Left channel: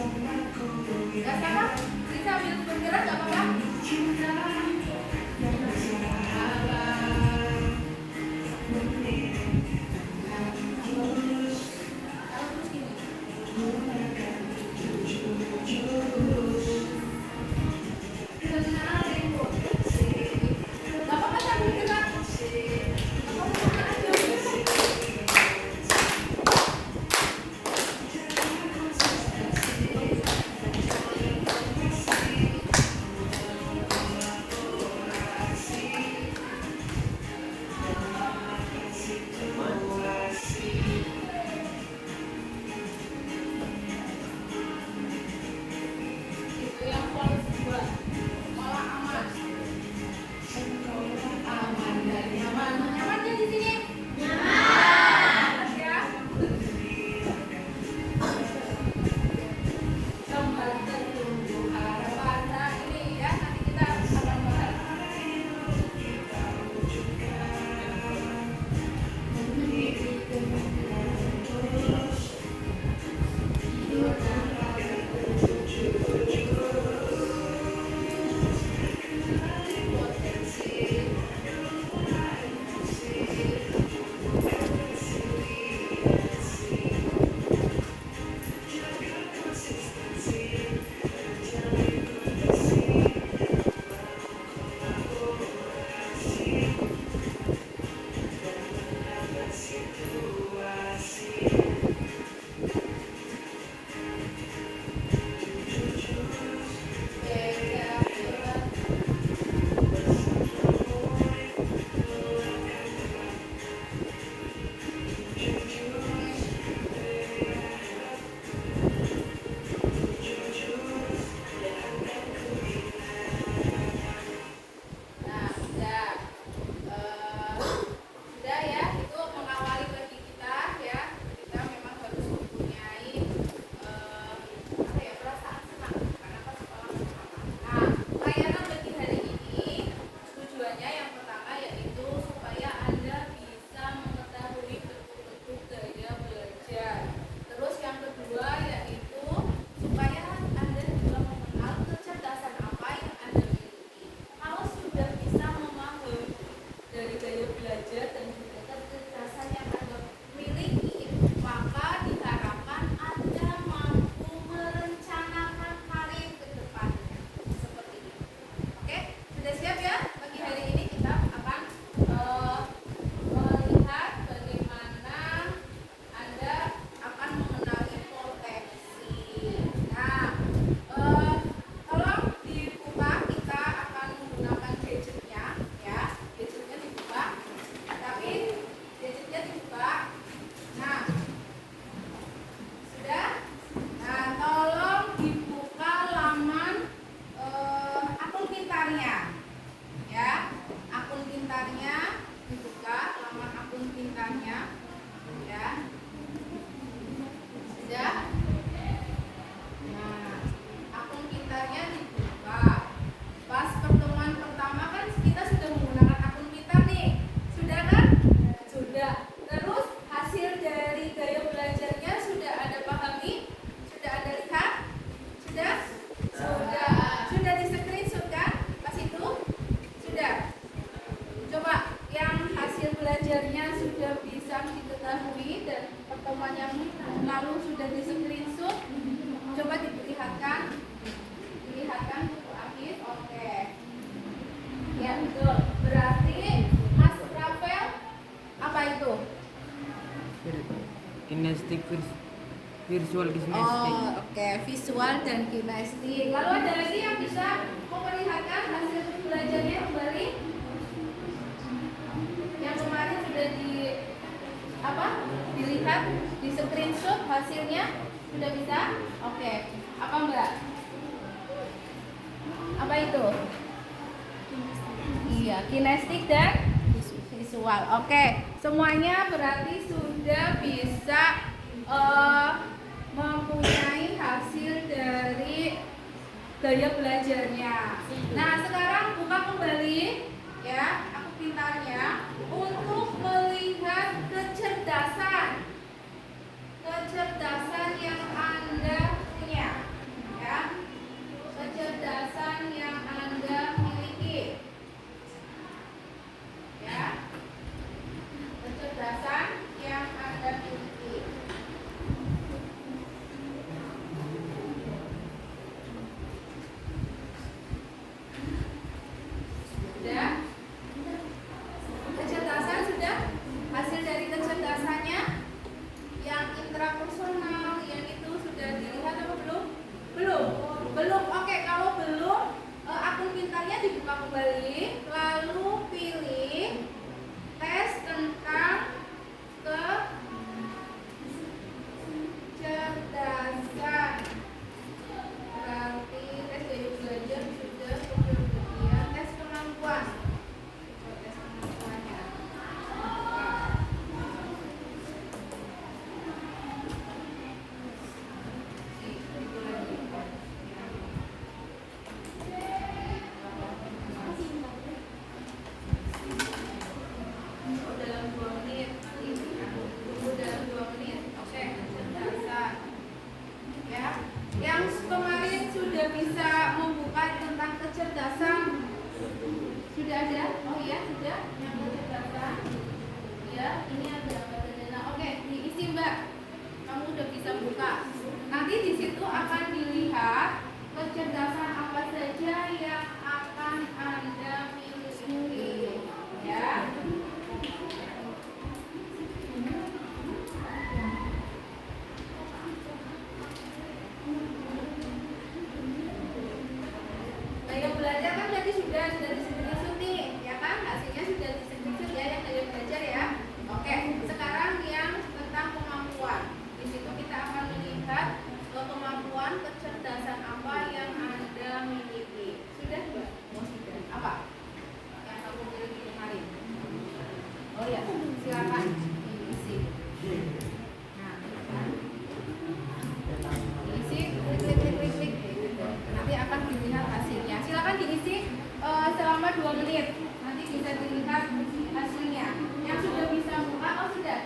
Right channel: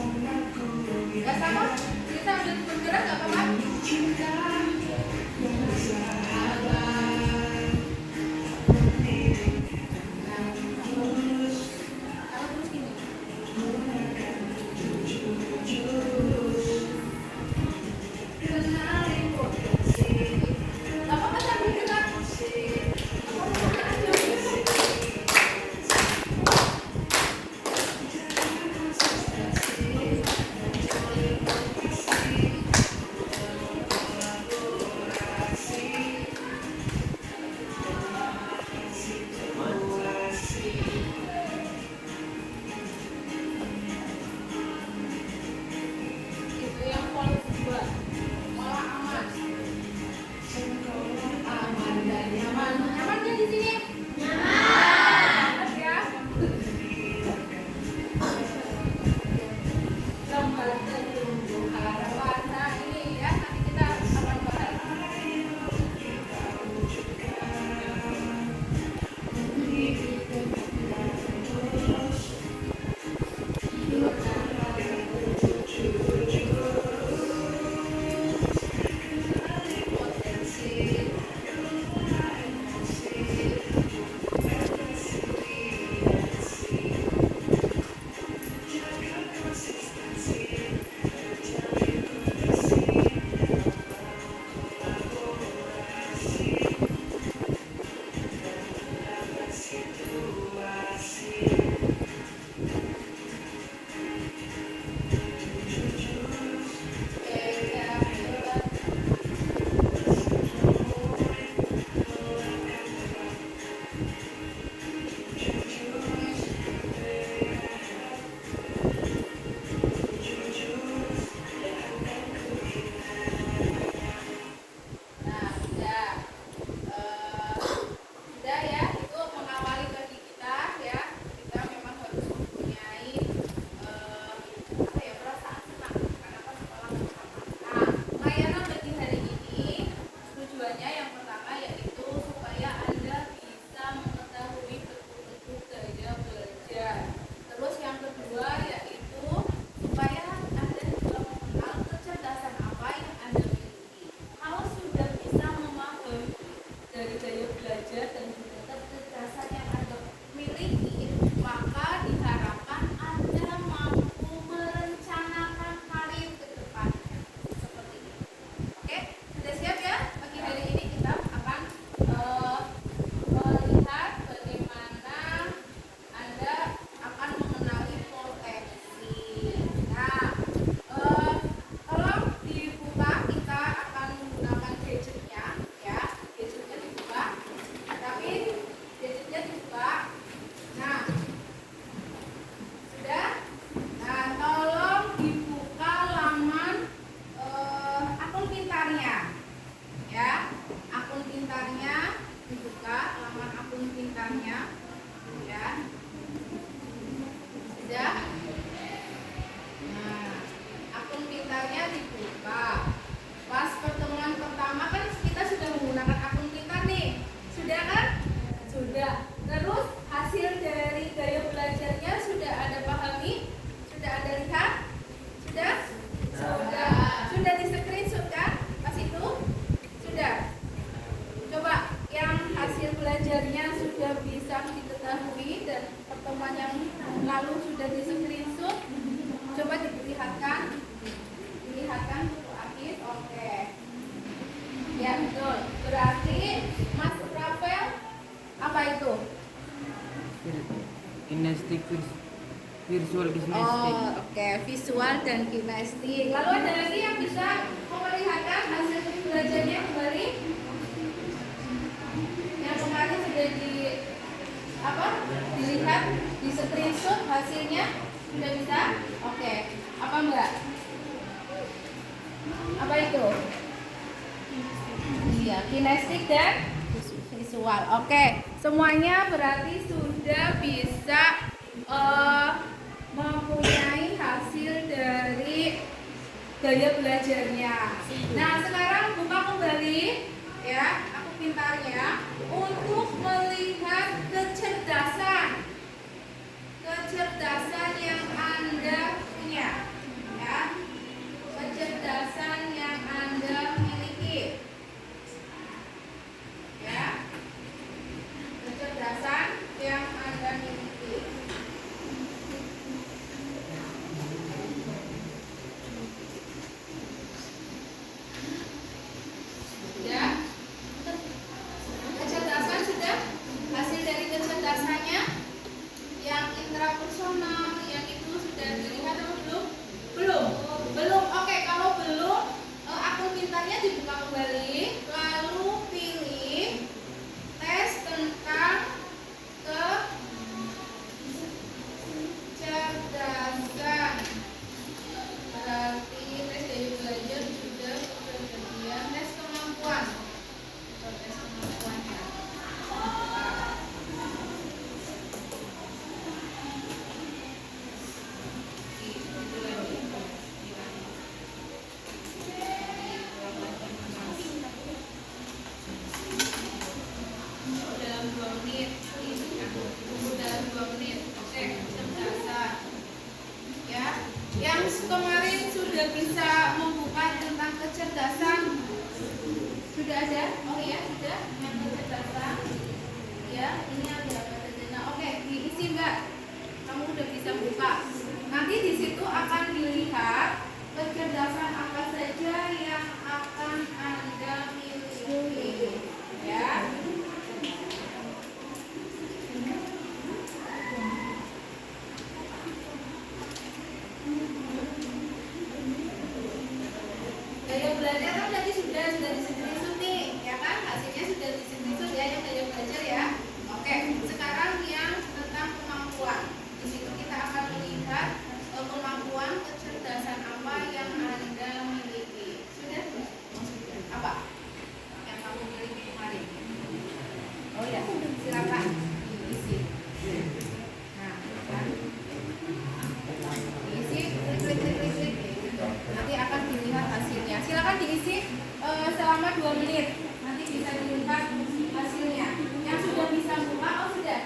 Gak sama? Kita ambil bergerak gak apa-apa? Kinestik virtual kinestik. Oh, oke, visual dan kinestik. Lalu ada lagi yang bisa memperlihatkan hasil belajarnya kembali? Yang kemarin sudah dilihat di screenshot hasilnya sudah bisa? Oke. Apa Mbak? Apa itu? Iya, kinestik dan visual. Oke, semuanya berarti sudah bisa mempunyai hasil dari gaya belajarnya. Nah, sekarang buka kembali ya, aku pintarnya untuk melihat kecerdasan yang Anda punya. Yang kemarin sudah bisa membuka tentang kecerdasan, sudah ada? Oh ya, sudah. Yang kecerdasan, ya, ini ada apa saja? Nah, oke, diisi Mbak. Kamu udah bisa buka. Nanti di situ akan dilihat kecerdasan apa saja yang akan Anda miliki, ya. Gaya belajar kan tadi sudah di-screenshot nih, ya kan? Hasilnya sudah di-screenshot ya yang gaya belajar ya. Oke, sekarang yang tentang kemampuan. Di situ kita akan melihat kemampuan kecerdasan apa yang Anda miliki. Sudah, Mbak? Oh, sudah. Apa? Yang kamu miliki kemarin. Oh ya, silakan diisi. Nah, kan? Diisi, klik. Nanti akan dilihat hasilnya. Silakan diisi selama 2 menit. Nanti bisa dilihat hasilnya. Yang sudah bisa buka, oh sudah.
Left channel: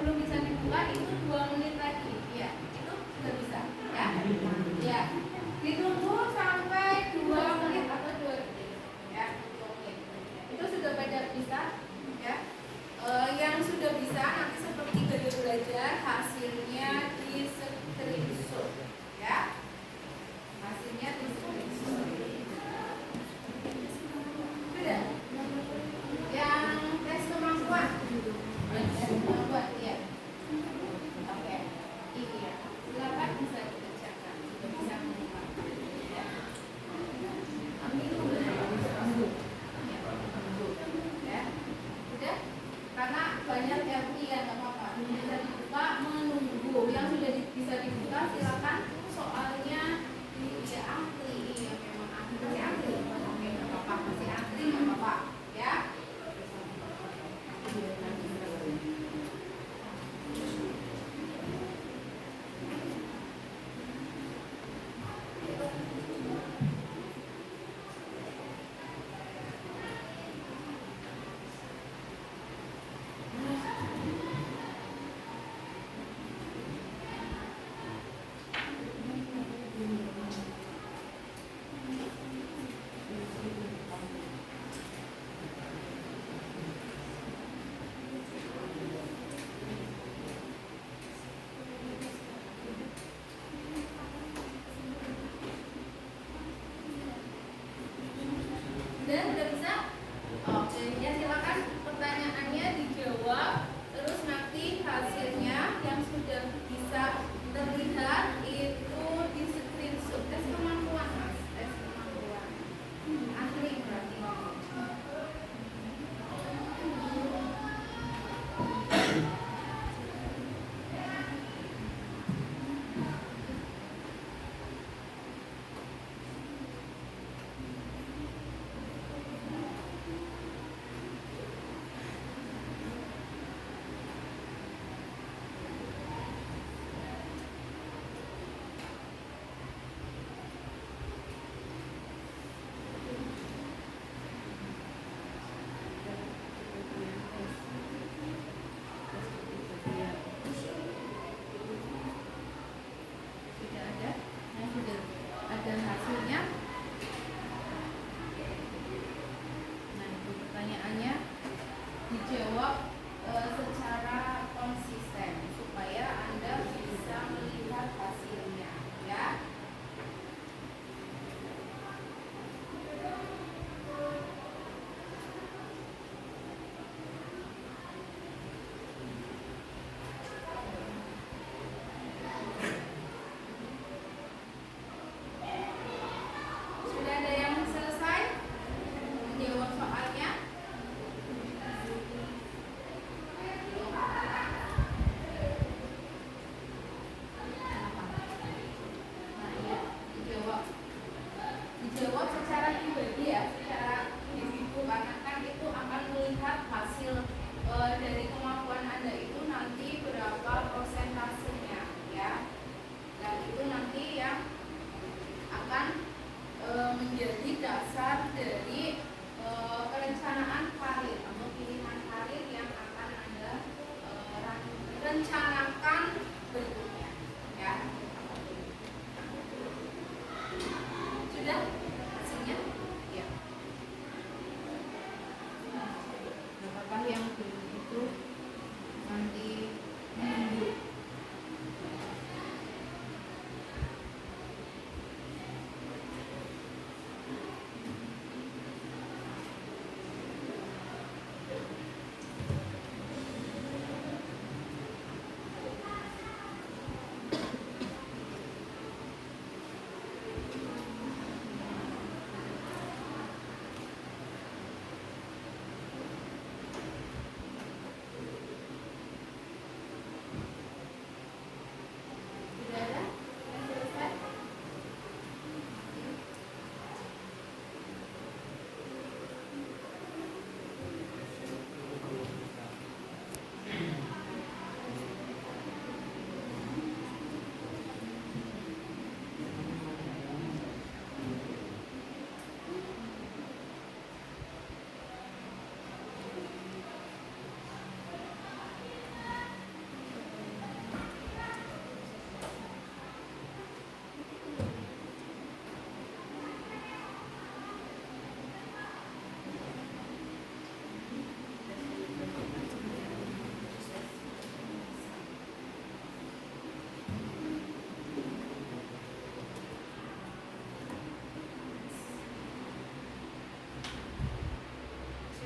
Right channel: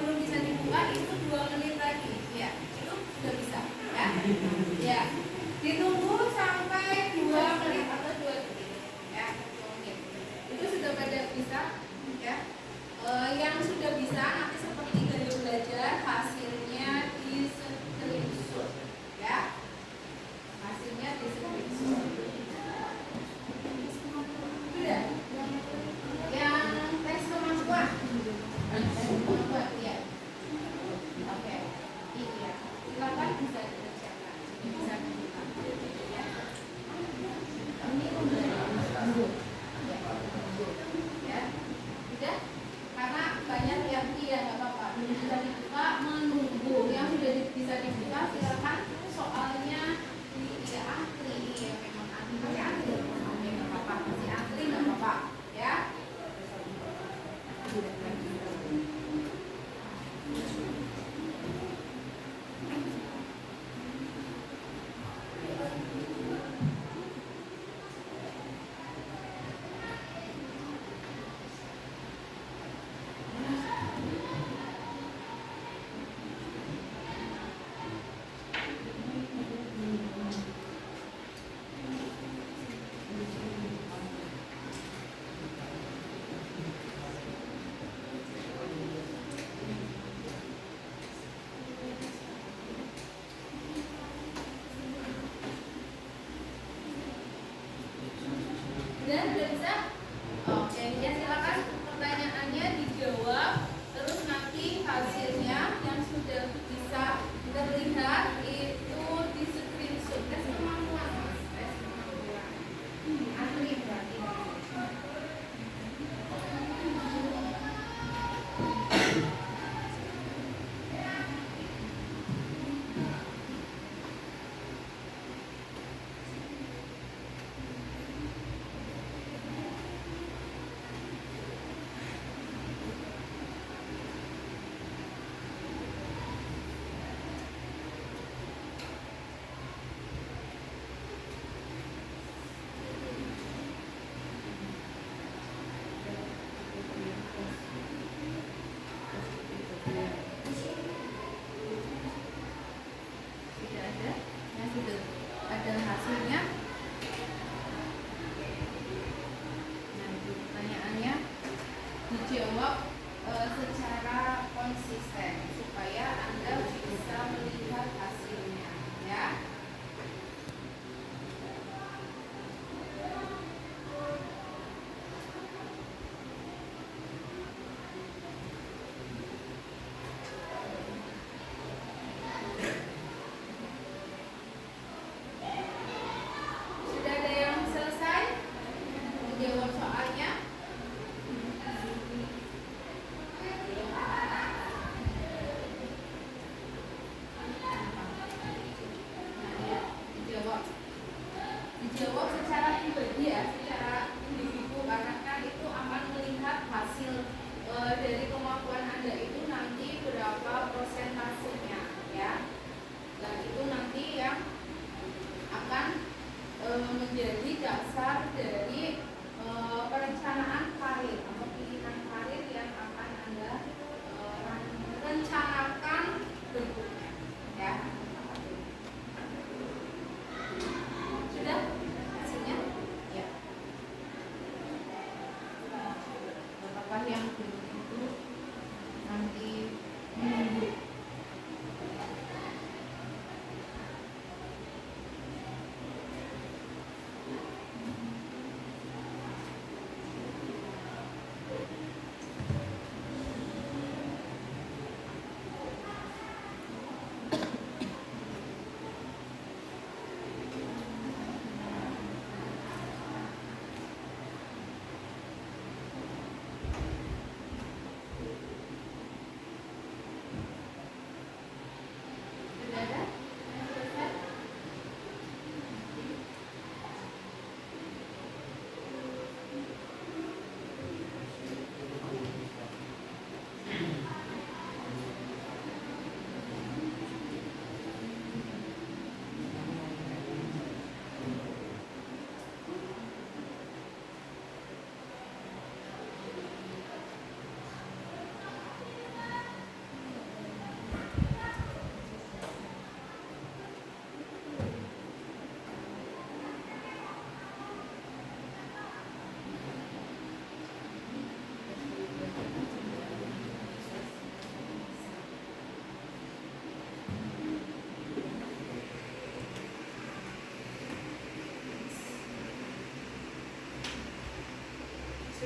Belum bisa dibuka itu 2 menit lagi. Ya, itu sudah bisa. Ya, ya. Ditunggu sampai 2 menit atau 2 detik. Ya, 2 menit. Itu sudah pada bisa. Ya. Yang sudah bisa nanti seperti gaya belajar hasilnya di screenshot. Ya. Hasilnya di screenshot. Sudah.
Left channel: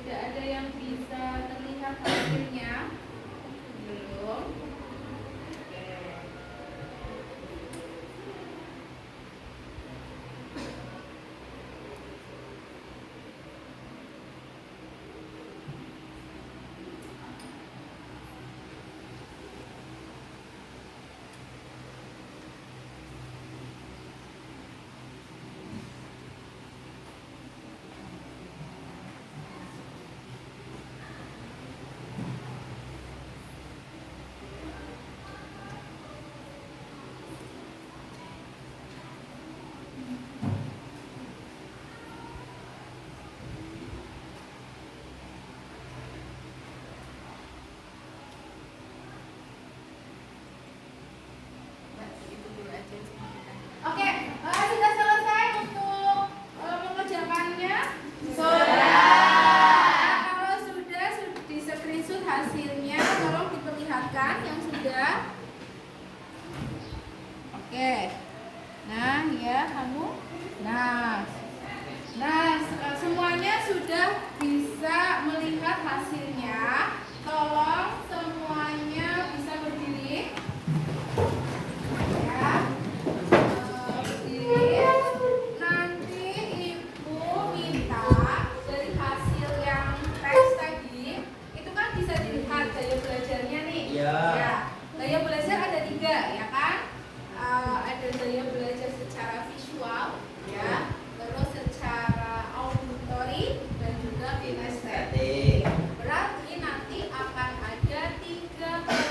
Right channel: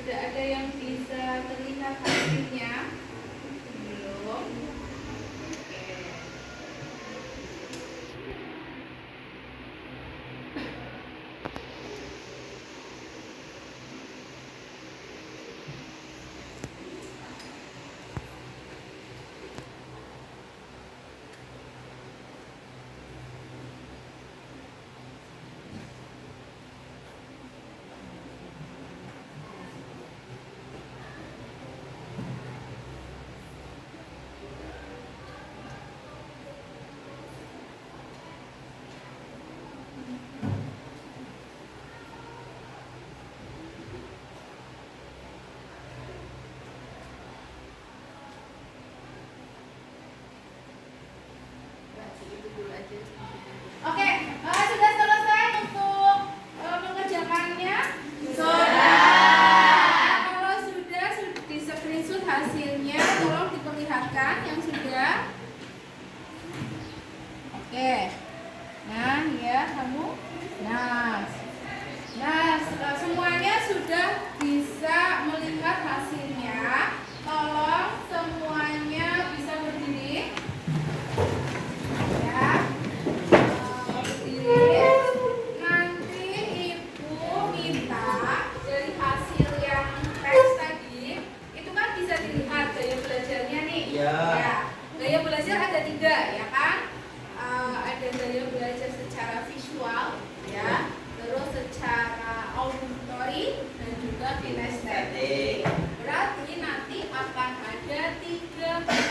sudah ada yang bisa terlihat hasilnya? Belum. Oke. Oke, sudah selesai untuk mengerjakannya? Sudah. Kalau sudah di screenshot hasilnya, tolong diperlihatkan yang sudah. Oke. Nah, ya kamu. Nah, semuanya sudah bisa melihat hasilnya. Tolong semuanya bisa berdiri. Ya. Nanti ibu minta dari hasil yang tes tadi itu kan bisa dilihat gaya belajarnya nih. Ya. Gaya belajar ada 3 ya kan? Ada gaya belajar secara visual ya, terus secara auditory dan juga kinestetik. Berarti nanti akan ada 3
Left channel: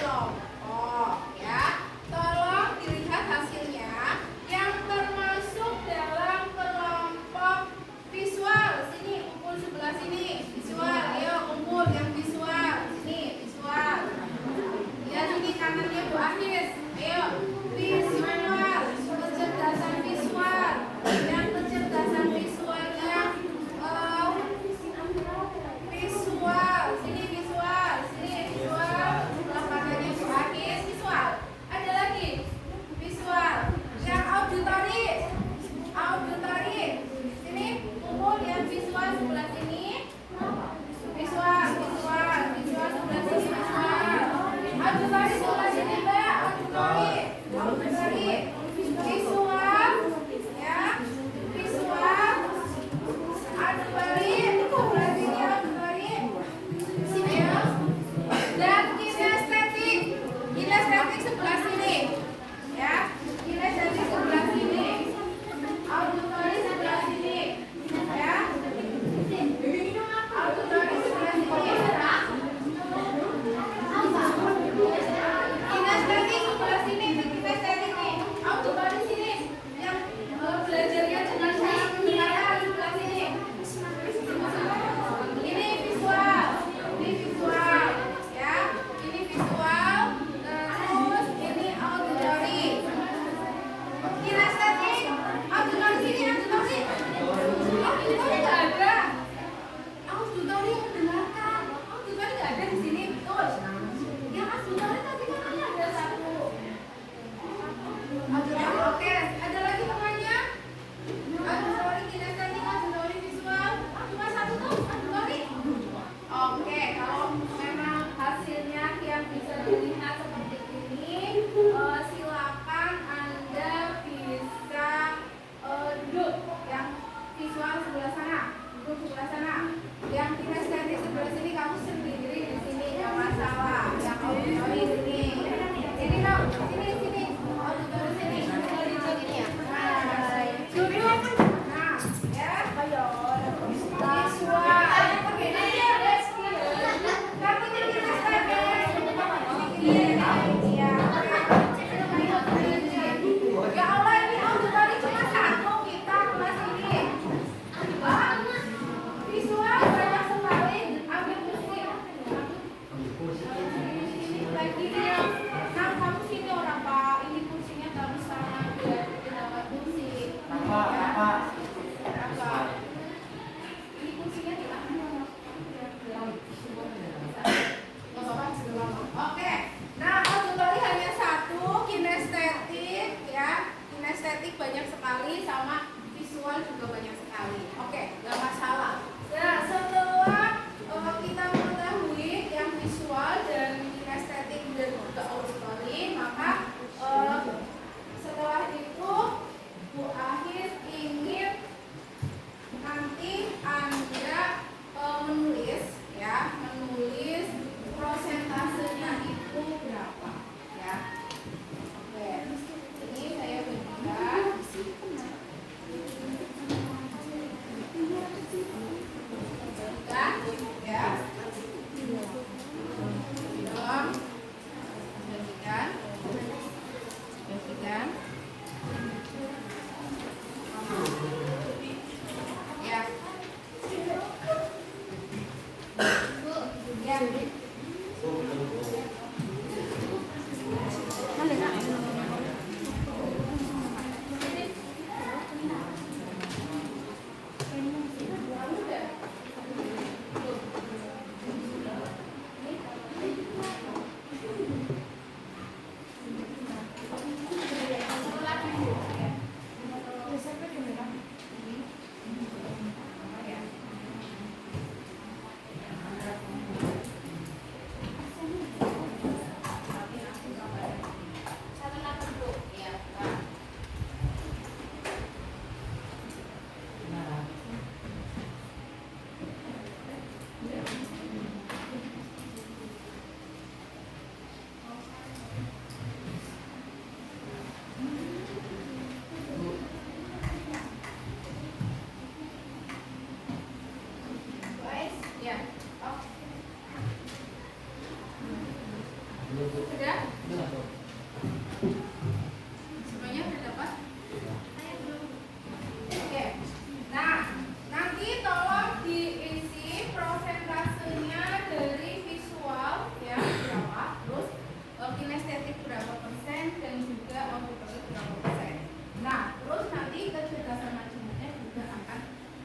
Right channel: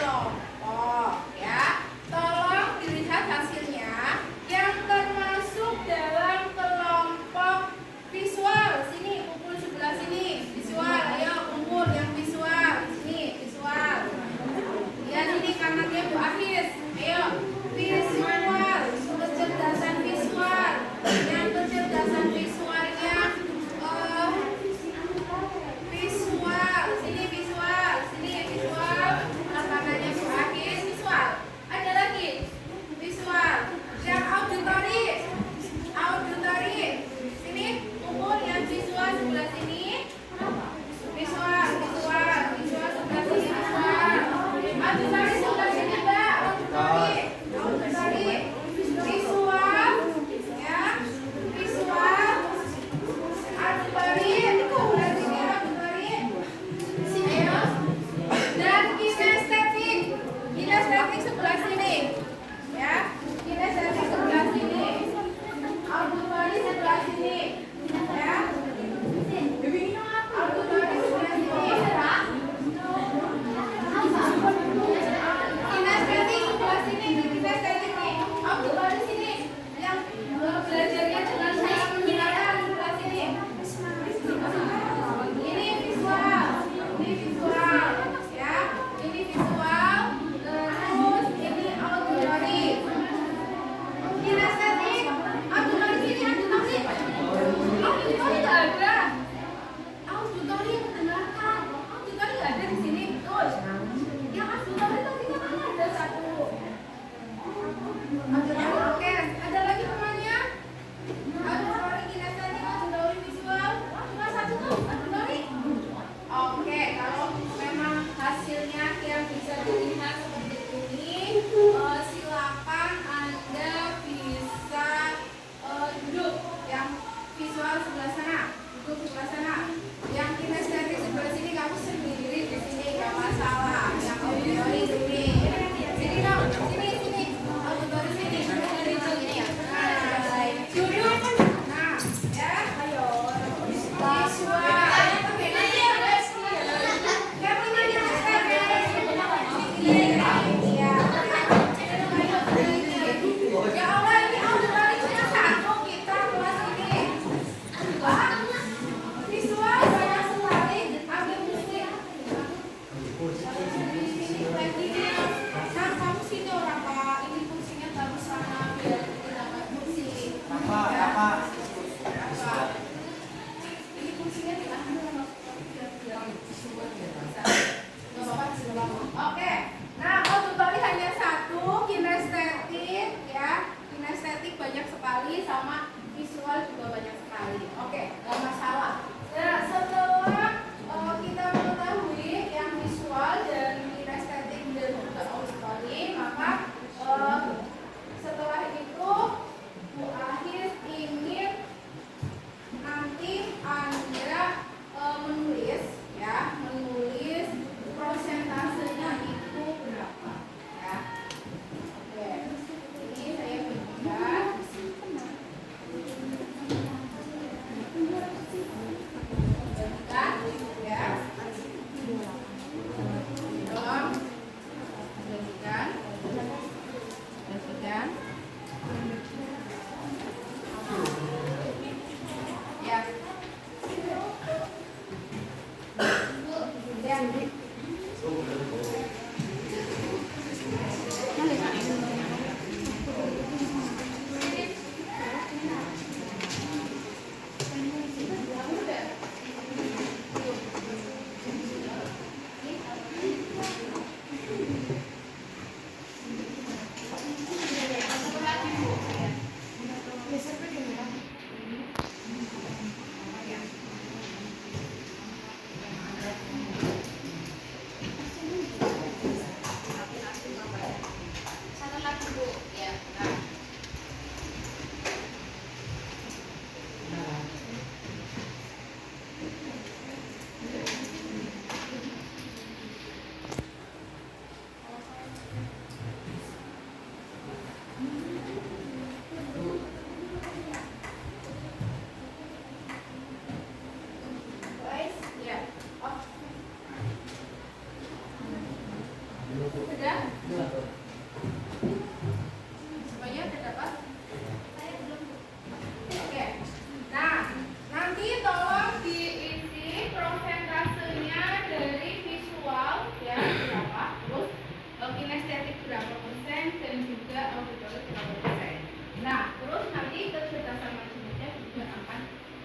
30%. Nah, terus nanti kecerdasan multimedia juga akan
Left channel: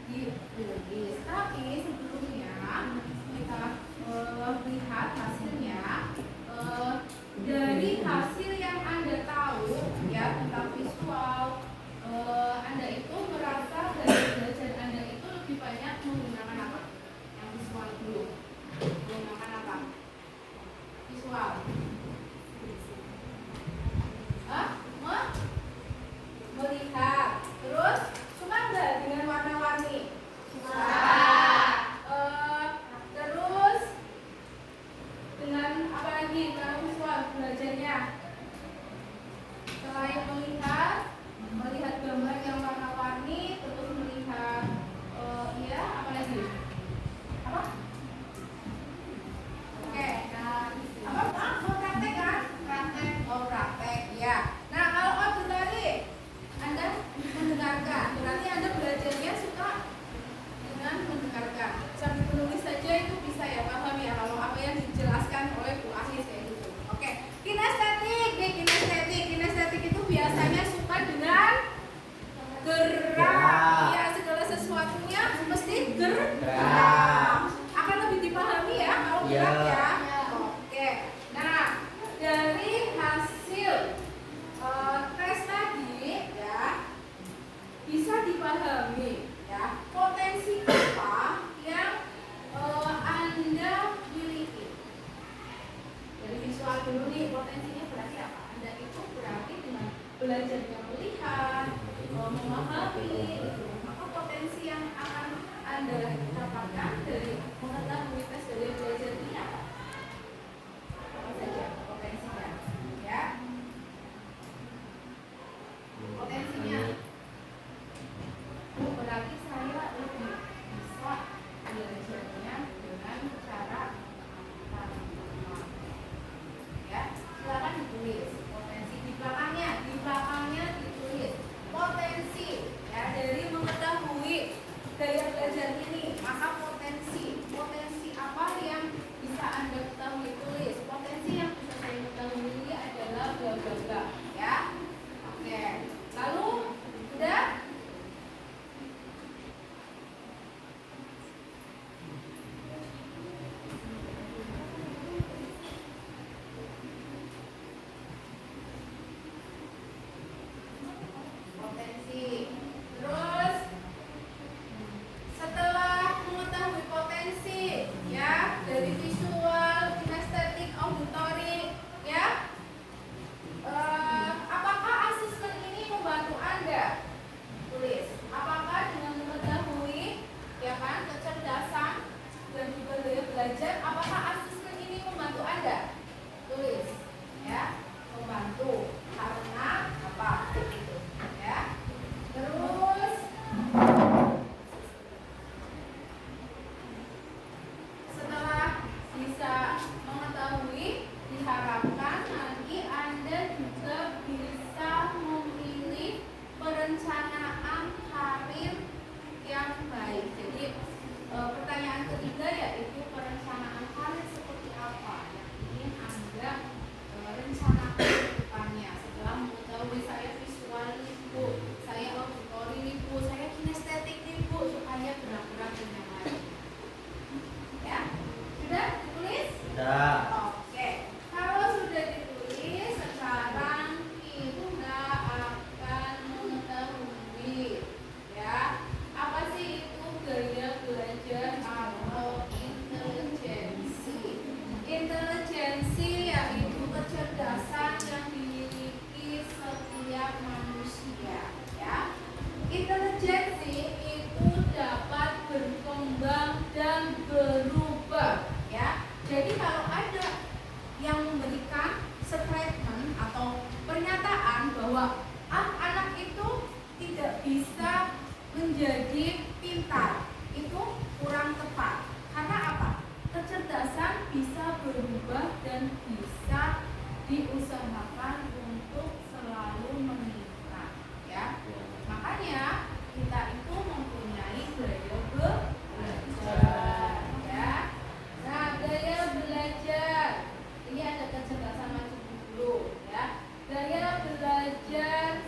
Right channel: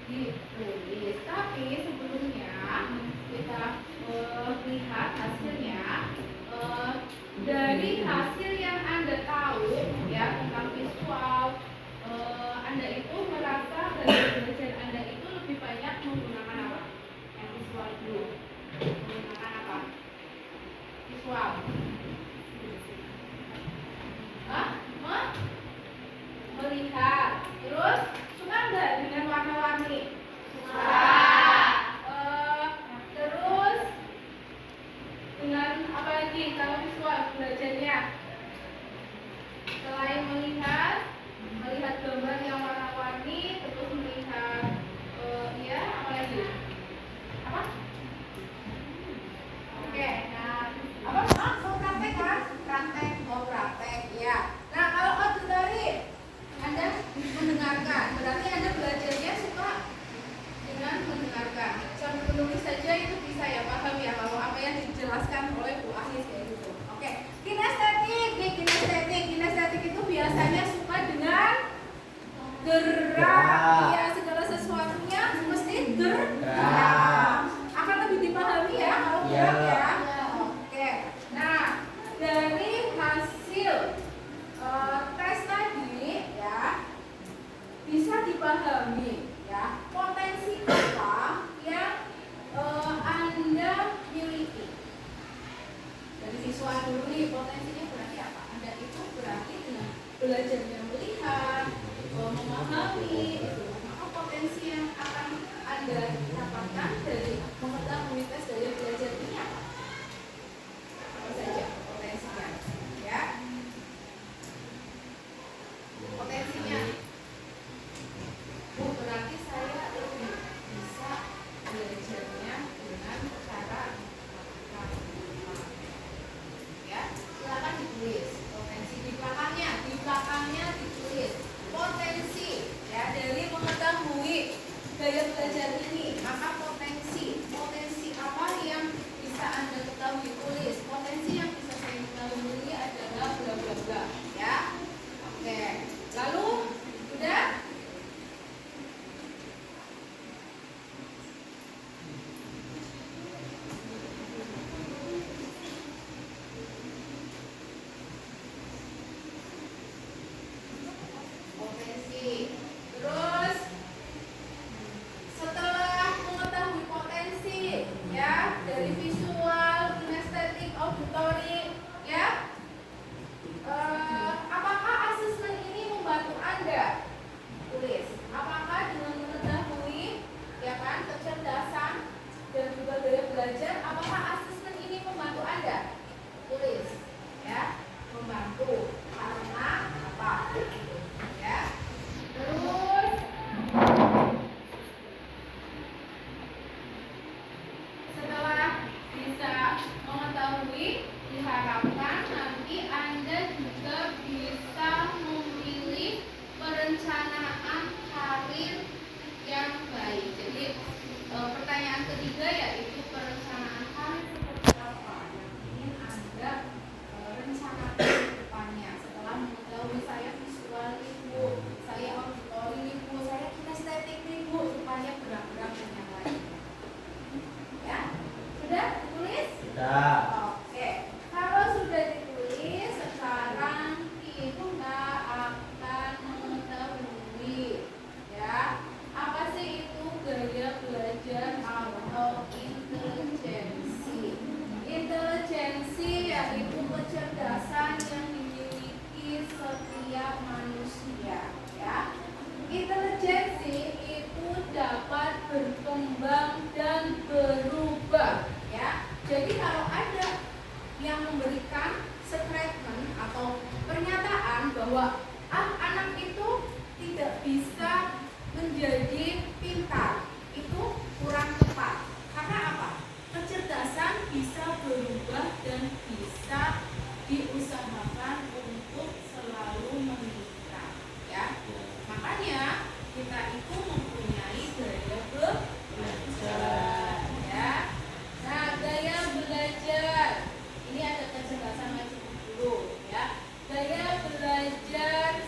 ditulis. Tapi sebelumnya kita lihat hasilnya. Dari hasil yang Anda tahu ya tentang visual, Anda itu merasa dari belajar Anda itu lebih banyak menggunakan apa? Yang visual dulu. Menggunakan apa? Visual. Melihat. Terus suka nggak dengan warna-warni? Suka. Terus dengan apa lagi kalau visual belajarnya? Selain melihat gambar yang warna-warni, terus melihat iya apa lagi? Apa? Oke, nah apa? Mau praktek kan? Praktek ya. Nah kalau auditory Anda mendengarkan, berarti Anda belajarnya suka dengan mendengarkan. Sambil menulis saja itu bisa ya, paham ya kalau apa yang dijelaskan oleh Bu Ahlis kayak gitu. Oke, kinestetik itu biasanya suka dengan gerak. Ya, segala sesuatunya mesti gerak. Akan lebih dipahami ya kalau gerak ya. Oke. Nah, dari hasil tes tadi ya bisa dipahami ya potensi apa yang Anda miliki. Dari visual dulu nih, potensinya berarti apa? Anda itu berarti dengan belajarnya melihat, memahami itu, maka potensi yang akan Anda dapatkan dari mengetahui tes dari belajar ini apa? Apa saja potensinya? Ya. Potensinya. Oh, berarti saya lebih bisa belajarnya dengan cara apa? Ya, silakan ditulis potensi di belakangnya ditulis potensi ya dari mengetahui gaya belajar ini, maka potensi apa yang bisa Anda ketahui, tulis potensi yang bisa saya ketahui adalah bla bla bla ya. Oke, lalu sudah. Potensi. Terus setelah mengetahui potensi ya dari visual, kinestetik, auditory ya, apakah asesmen ini membantu Anda? Tulis. Apakah dengan mengetahui ya kan kecerdasan dan juga daya belajar, apakah asesmen ini membantu Anda? Tulis ya, membantu karena apa? Gitu ya. Terus setelah bisa mengetahui, diharapkan nanti Anda juga bisa memilih perencanaan karir yang baik. Jadi pertanyaan ketiga yaitu perencanaan karir seperti apa yang ingin Anda rencanakan ke depannya setelah mengetahui saya visual nih Bu, saya auditory nih Bu, saya kinestetik nih Bu, supaya gerak-gerak dan yang lain. Ya, sudah ditulis? Sudah. Oke, kalau sudah ditulis, sekarang kita akan mengetahui ya apa sih itu gaya belajar atau intelijensi. Intelijensi yaitu kecerdasan yang dimiliki setiap manusia ya. Intelijensi itu dapat berkembang dan berubah ya. Jadi kalau ada yang memberikan statement atau pernyataan bahwa anak itu tidak bisa menjadi pintar, itu kurang tepat. Karena apa? Kecerdasan bisa berubah dan bisa diusahakan untuk selalu meningkat ya. Makanya kita itu mempunyai gaya belajar ya. Nah, gaya belajar ini ada kecerdasan macam dulu ya. Gaya belajar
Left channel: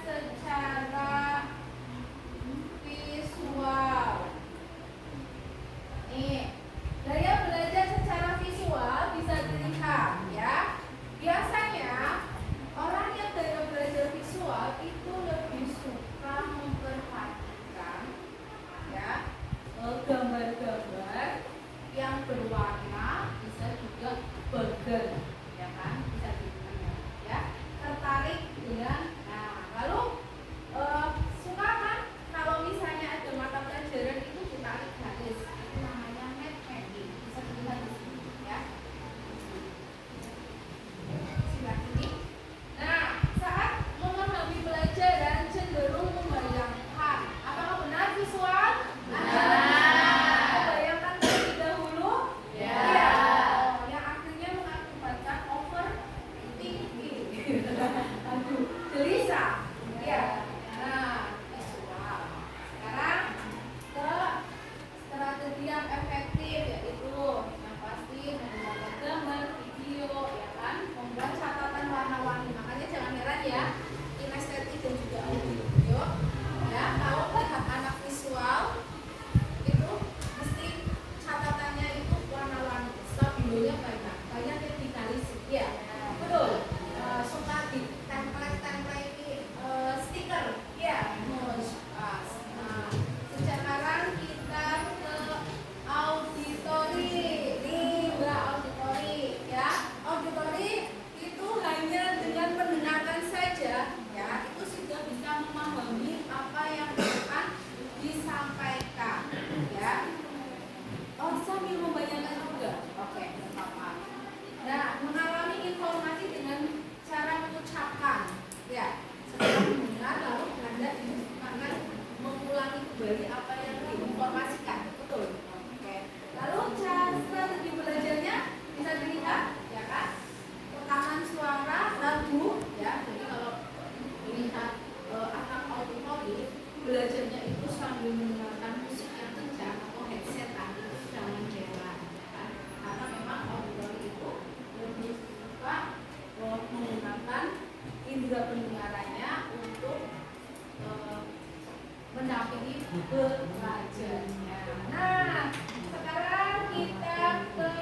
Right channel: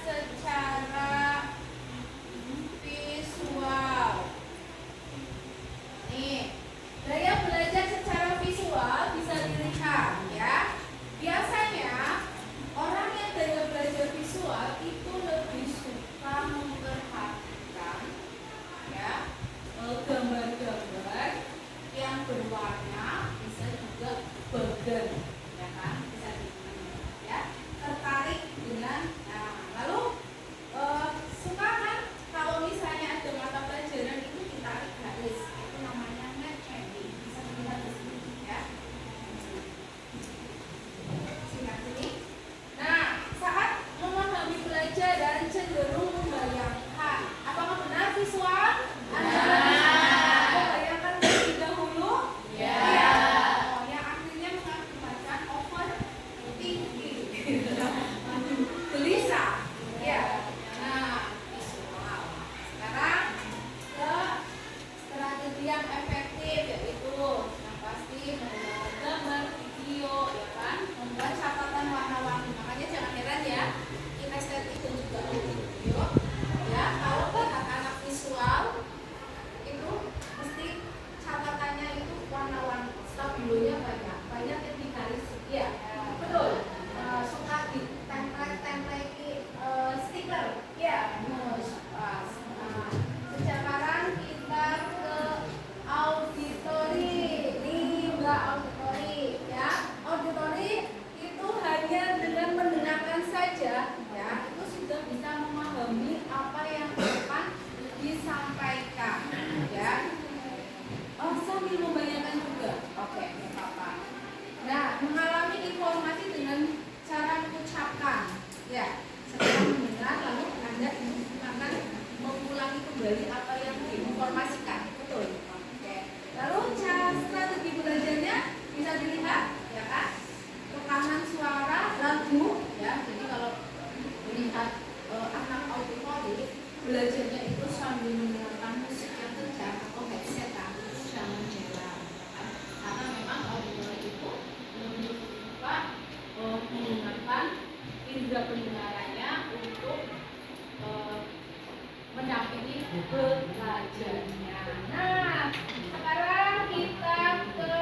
melihat anak auditorik belajarnya itu sambil mendengarkan musik yang kencang atau headset tadi, jangan heran kan? Karena memang auditorik itu lebih suka menggunakan indera pendengarannya untuk mendampingi belajarnya. Nah, sekarang kita ke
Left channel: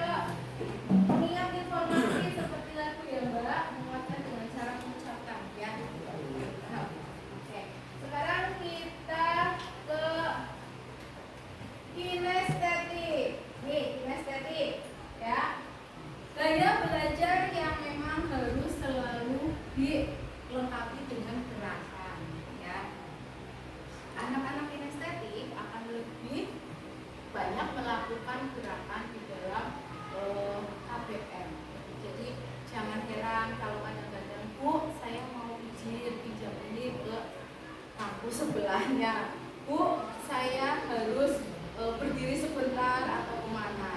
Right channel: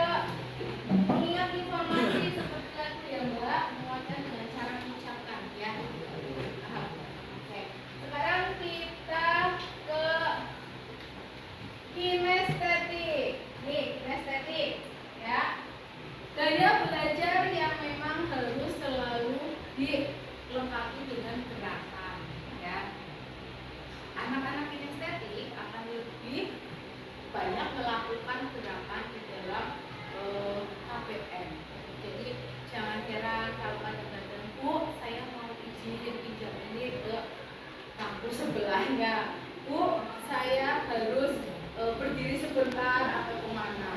mengingat informasi seperti tadi ya Mbak, mengucapkan dengan cara mengucapkan ya. Oke. Sekarang kita ke kinestetik. Nih, kinestetik ya. Gaya belajar yang memang harus selalu dilengkapi dengan gerakan ya. Anak-anak kinestetik akan lebih banyak melakukan gerakan di dalam KBM. Jadi jangan heran kalau kadang-kadang Bu, saya mau izin pinjam ini ke kampus sebelahnya. Bu, saya harus berdiri sebentar atau kemana.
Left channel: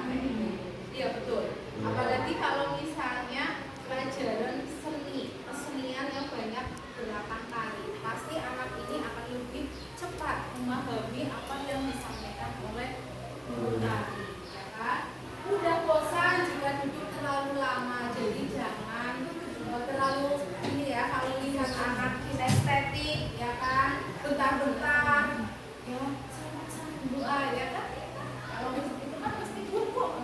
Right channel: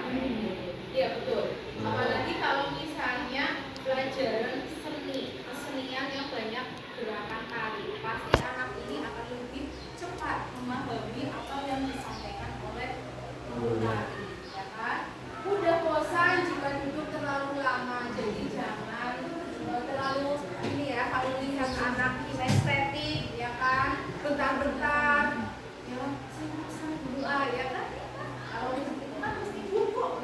Iya betul. Apalagi kalau misalnya pelajaran seni, kesenian yang banyak gerakan tari, pasti anak ini akan lebih cepat memahami apa yang disampaikan oleh guru tari, ya kan? Udah bosan jika duduk terlalu lama, jadi jangan terlalu ini ya. Kalau lihat anak kinestetik, ya kan, bentar-bentar, ya saya dulu ya kan? Kalau itu kan pasti bubuk.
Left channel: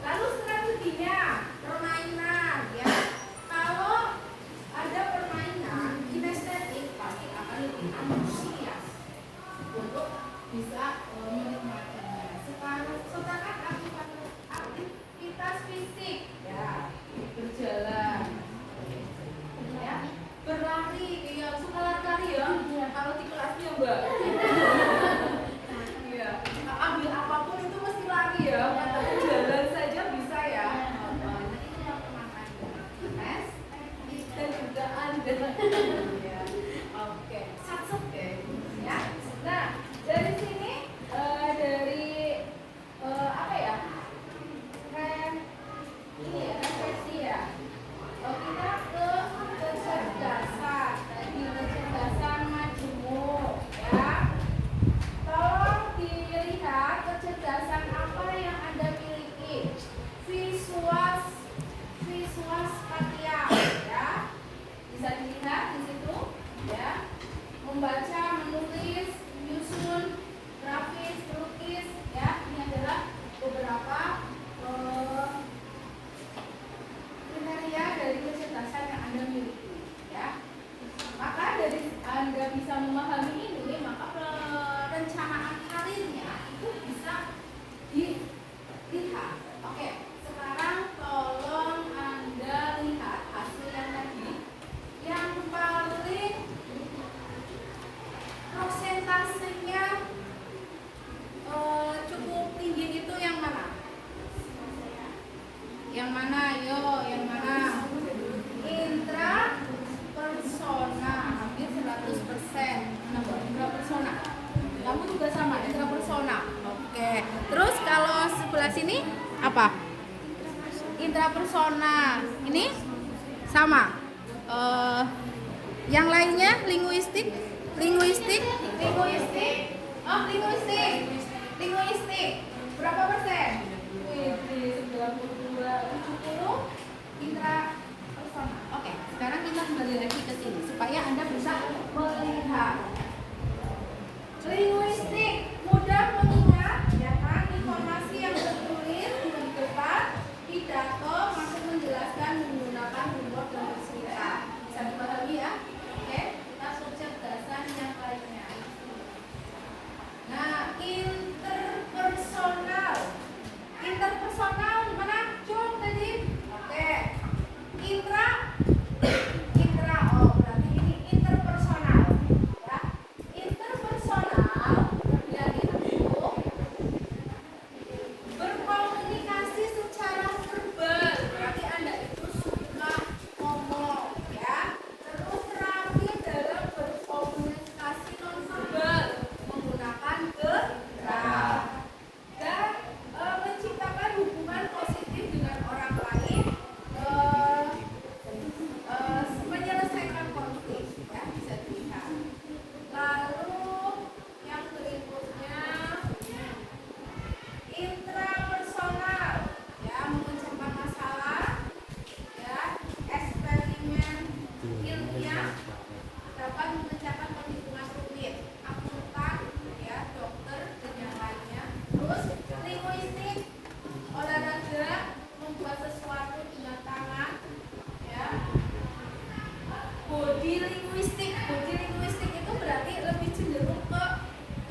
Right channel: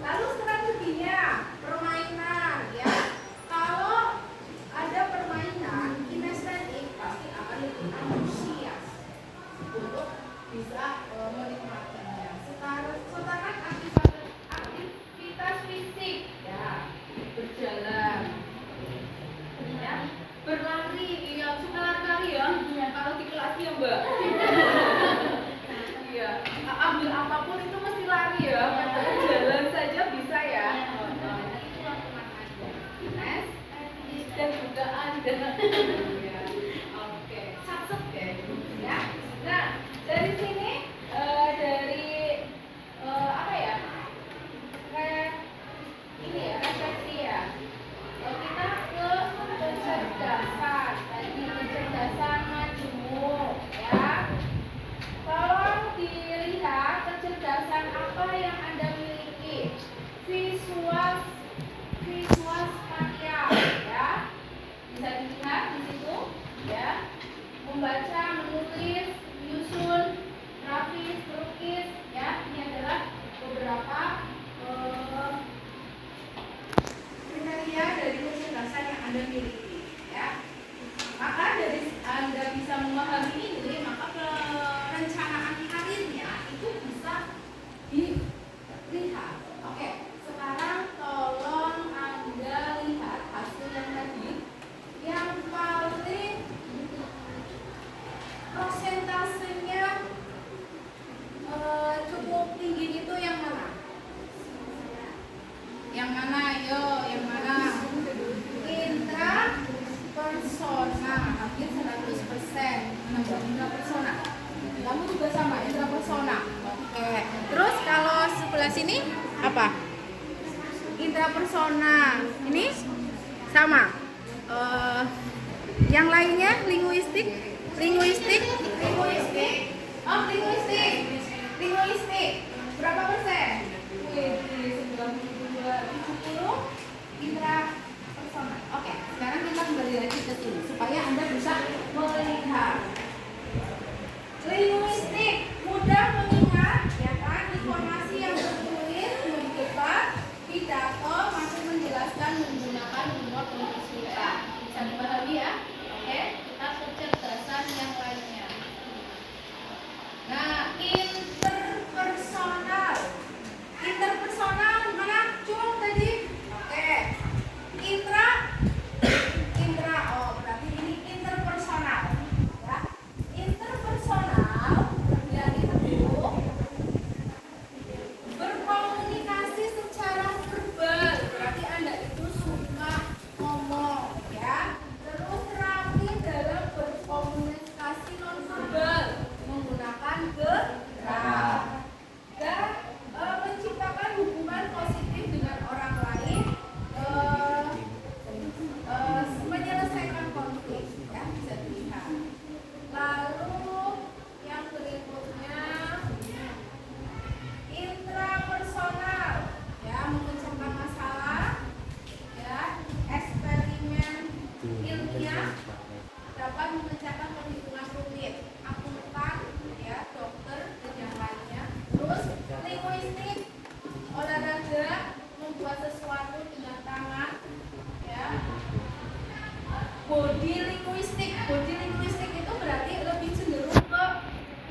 Lalu strateginya permainan ya. Kalau ada permainan kinestetik pasti akan lebih antusias untuk bisa menikmatinya. Sekarang aktivitas fisik ya, berjalan ya, berlari ya, suka lari ya. Kalau di kelas ya Mbak. Ya, ambil apapun itu mesti lari ya. Jalan saja bisa ya. Itu tenang aja. Nes dan juga Anda. Ya. Oke, sat-set ya. Nah, dari sini dari apa ya? Ini ya, refleksi ya. Kita ke kecerdasan. Tadi kecerdasan majemuk ya. Tolong dilihat kecerdasan apa yang Anda miliki. Visual spatial ya. Bisa dilihat di situ ya. Membaca, menulis, menyusun, grafis, lukis ya. Ini adalah beberapa kriteria dari kecerdasan yang Anda miliki ya. Maka dari Anda bisa memahami ini, maka perencanaan karirnya itu bisa dilihat. Oke, sekarang tolong Anda lihat hasil yang tadi. Yang paling prosentasenya cukup tinggi itu yang mana? Yang mana? Yo, yang mana? Intrapersona, hampir 100%. Intrapersona. Kamu juga sama, intrapersona. Oke. Terus kalau sebelah sini apa? Intrapersona. Ini sama. Yang lainnya linguistik. Oh, linguistik. Berapa persen? 92, 70 intrapersona. Oke, sekarang kita kembali lagi ke sini supaya Anda bisa melihat. Linguistik mudah mengingat, ya kan? Informasi yang tertulis di depan pidato masih menjelaskan menggunakan humor dan bercerita. Bisa dipahami ya? Oke, kita kecerdasan yang lainnya. Nah, interpersonal mana? Cung tadi. Oke. Intra Body linguistik. Body linguistik itu berarti lebih cenderung ke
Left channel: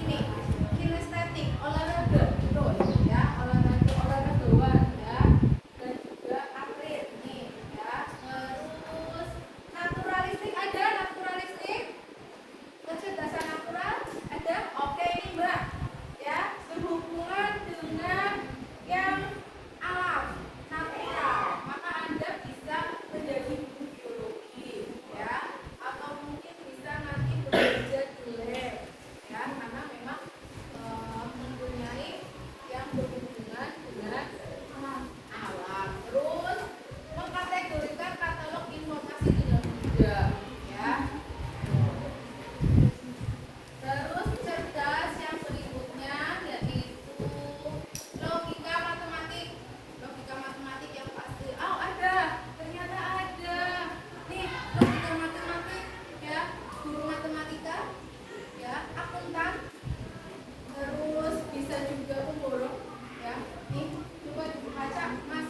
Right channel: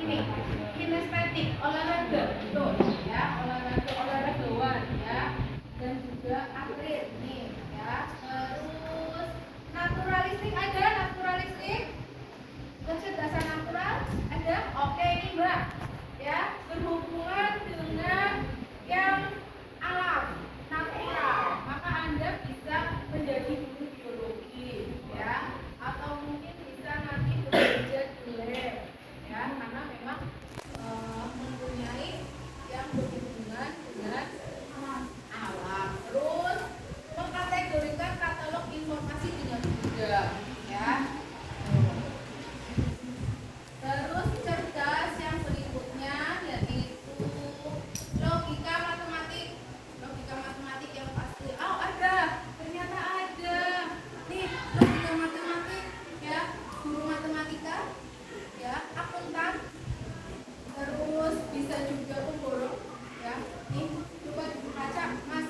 ini, kinestetik, olahraga, betul ya, olahragawan ya, dan juga atlet nih ya. Terus naturalistik ada, naturalistik, kecerdasan natural ada. Oke nih Mbak ya, berhubungan dengan yang alam, natural, maka Anda bisa menjadi guru biologi ya, atau mungkin bisa nanti belajar di lab ya, karena memang mempunyai yang berhubungan dengan alam. Terus mengkategorikan katalog informasi dengan mudah ya. Terus cerdas yang berikutnya yaitu logika matematik. Logika matematik yang pasti. Oh ada, ternyata ada. Nih logika matematik ya, guru matematika ya, akuntan. Terus bisa juga pemborong ya. Nih buat baca Mas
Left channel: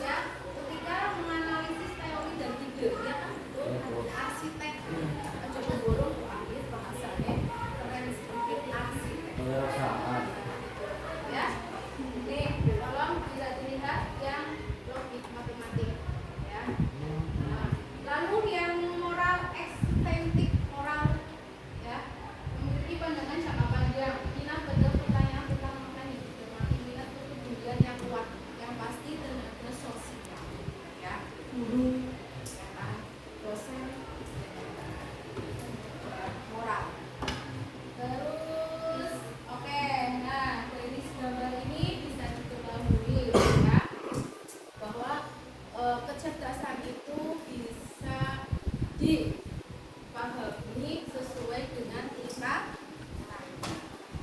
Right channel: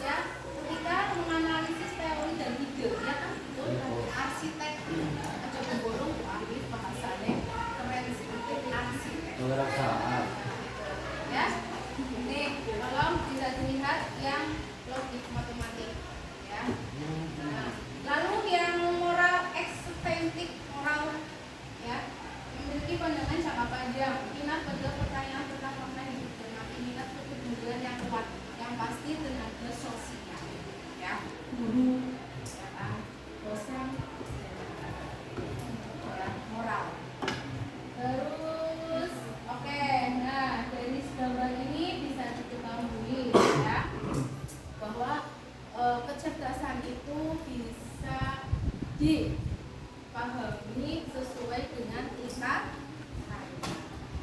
ya. Ketika menganalisis teori dan ide ya kan, betul. Arsitek aja pemborong ahli bahasanya keren sedikit arsitek. Ya. Nih, tolong bisa dilihat yang logik matematik ya. Nah, lalu yang moral ekstentik, moral ya, memiliki pandangan jangka panjang, minat pada pertanyaan tentang makna hidup dan mati, minat kepedulian yang kuat, yang pasti tenaga sosial ya, guru ya kan, dosen ya, moral. Terus oke, nah dari gambar ini bisa diketahui ya bahwa kecerdasan itu bisa dipahami sesuai dengan tingkat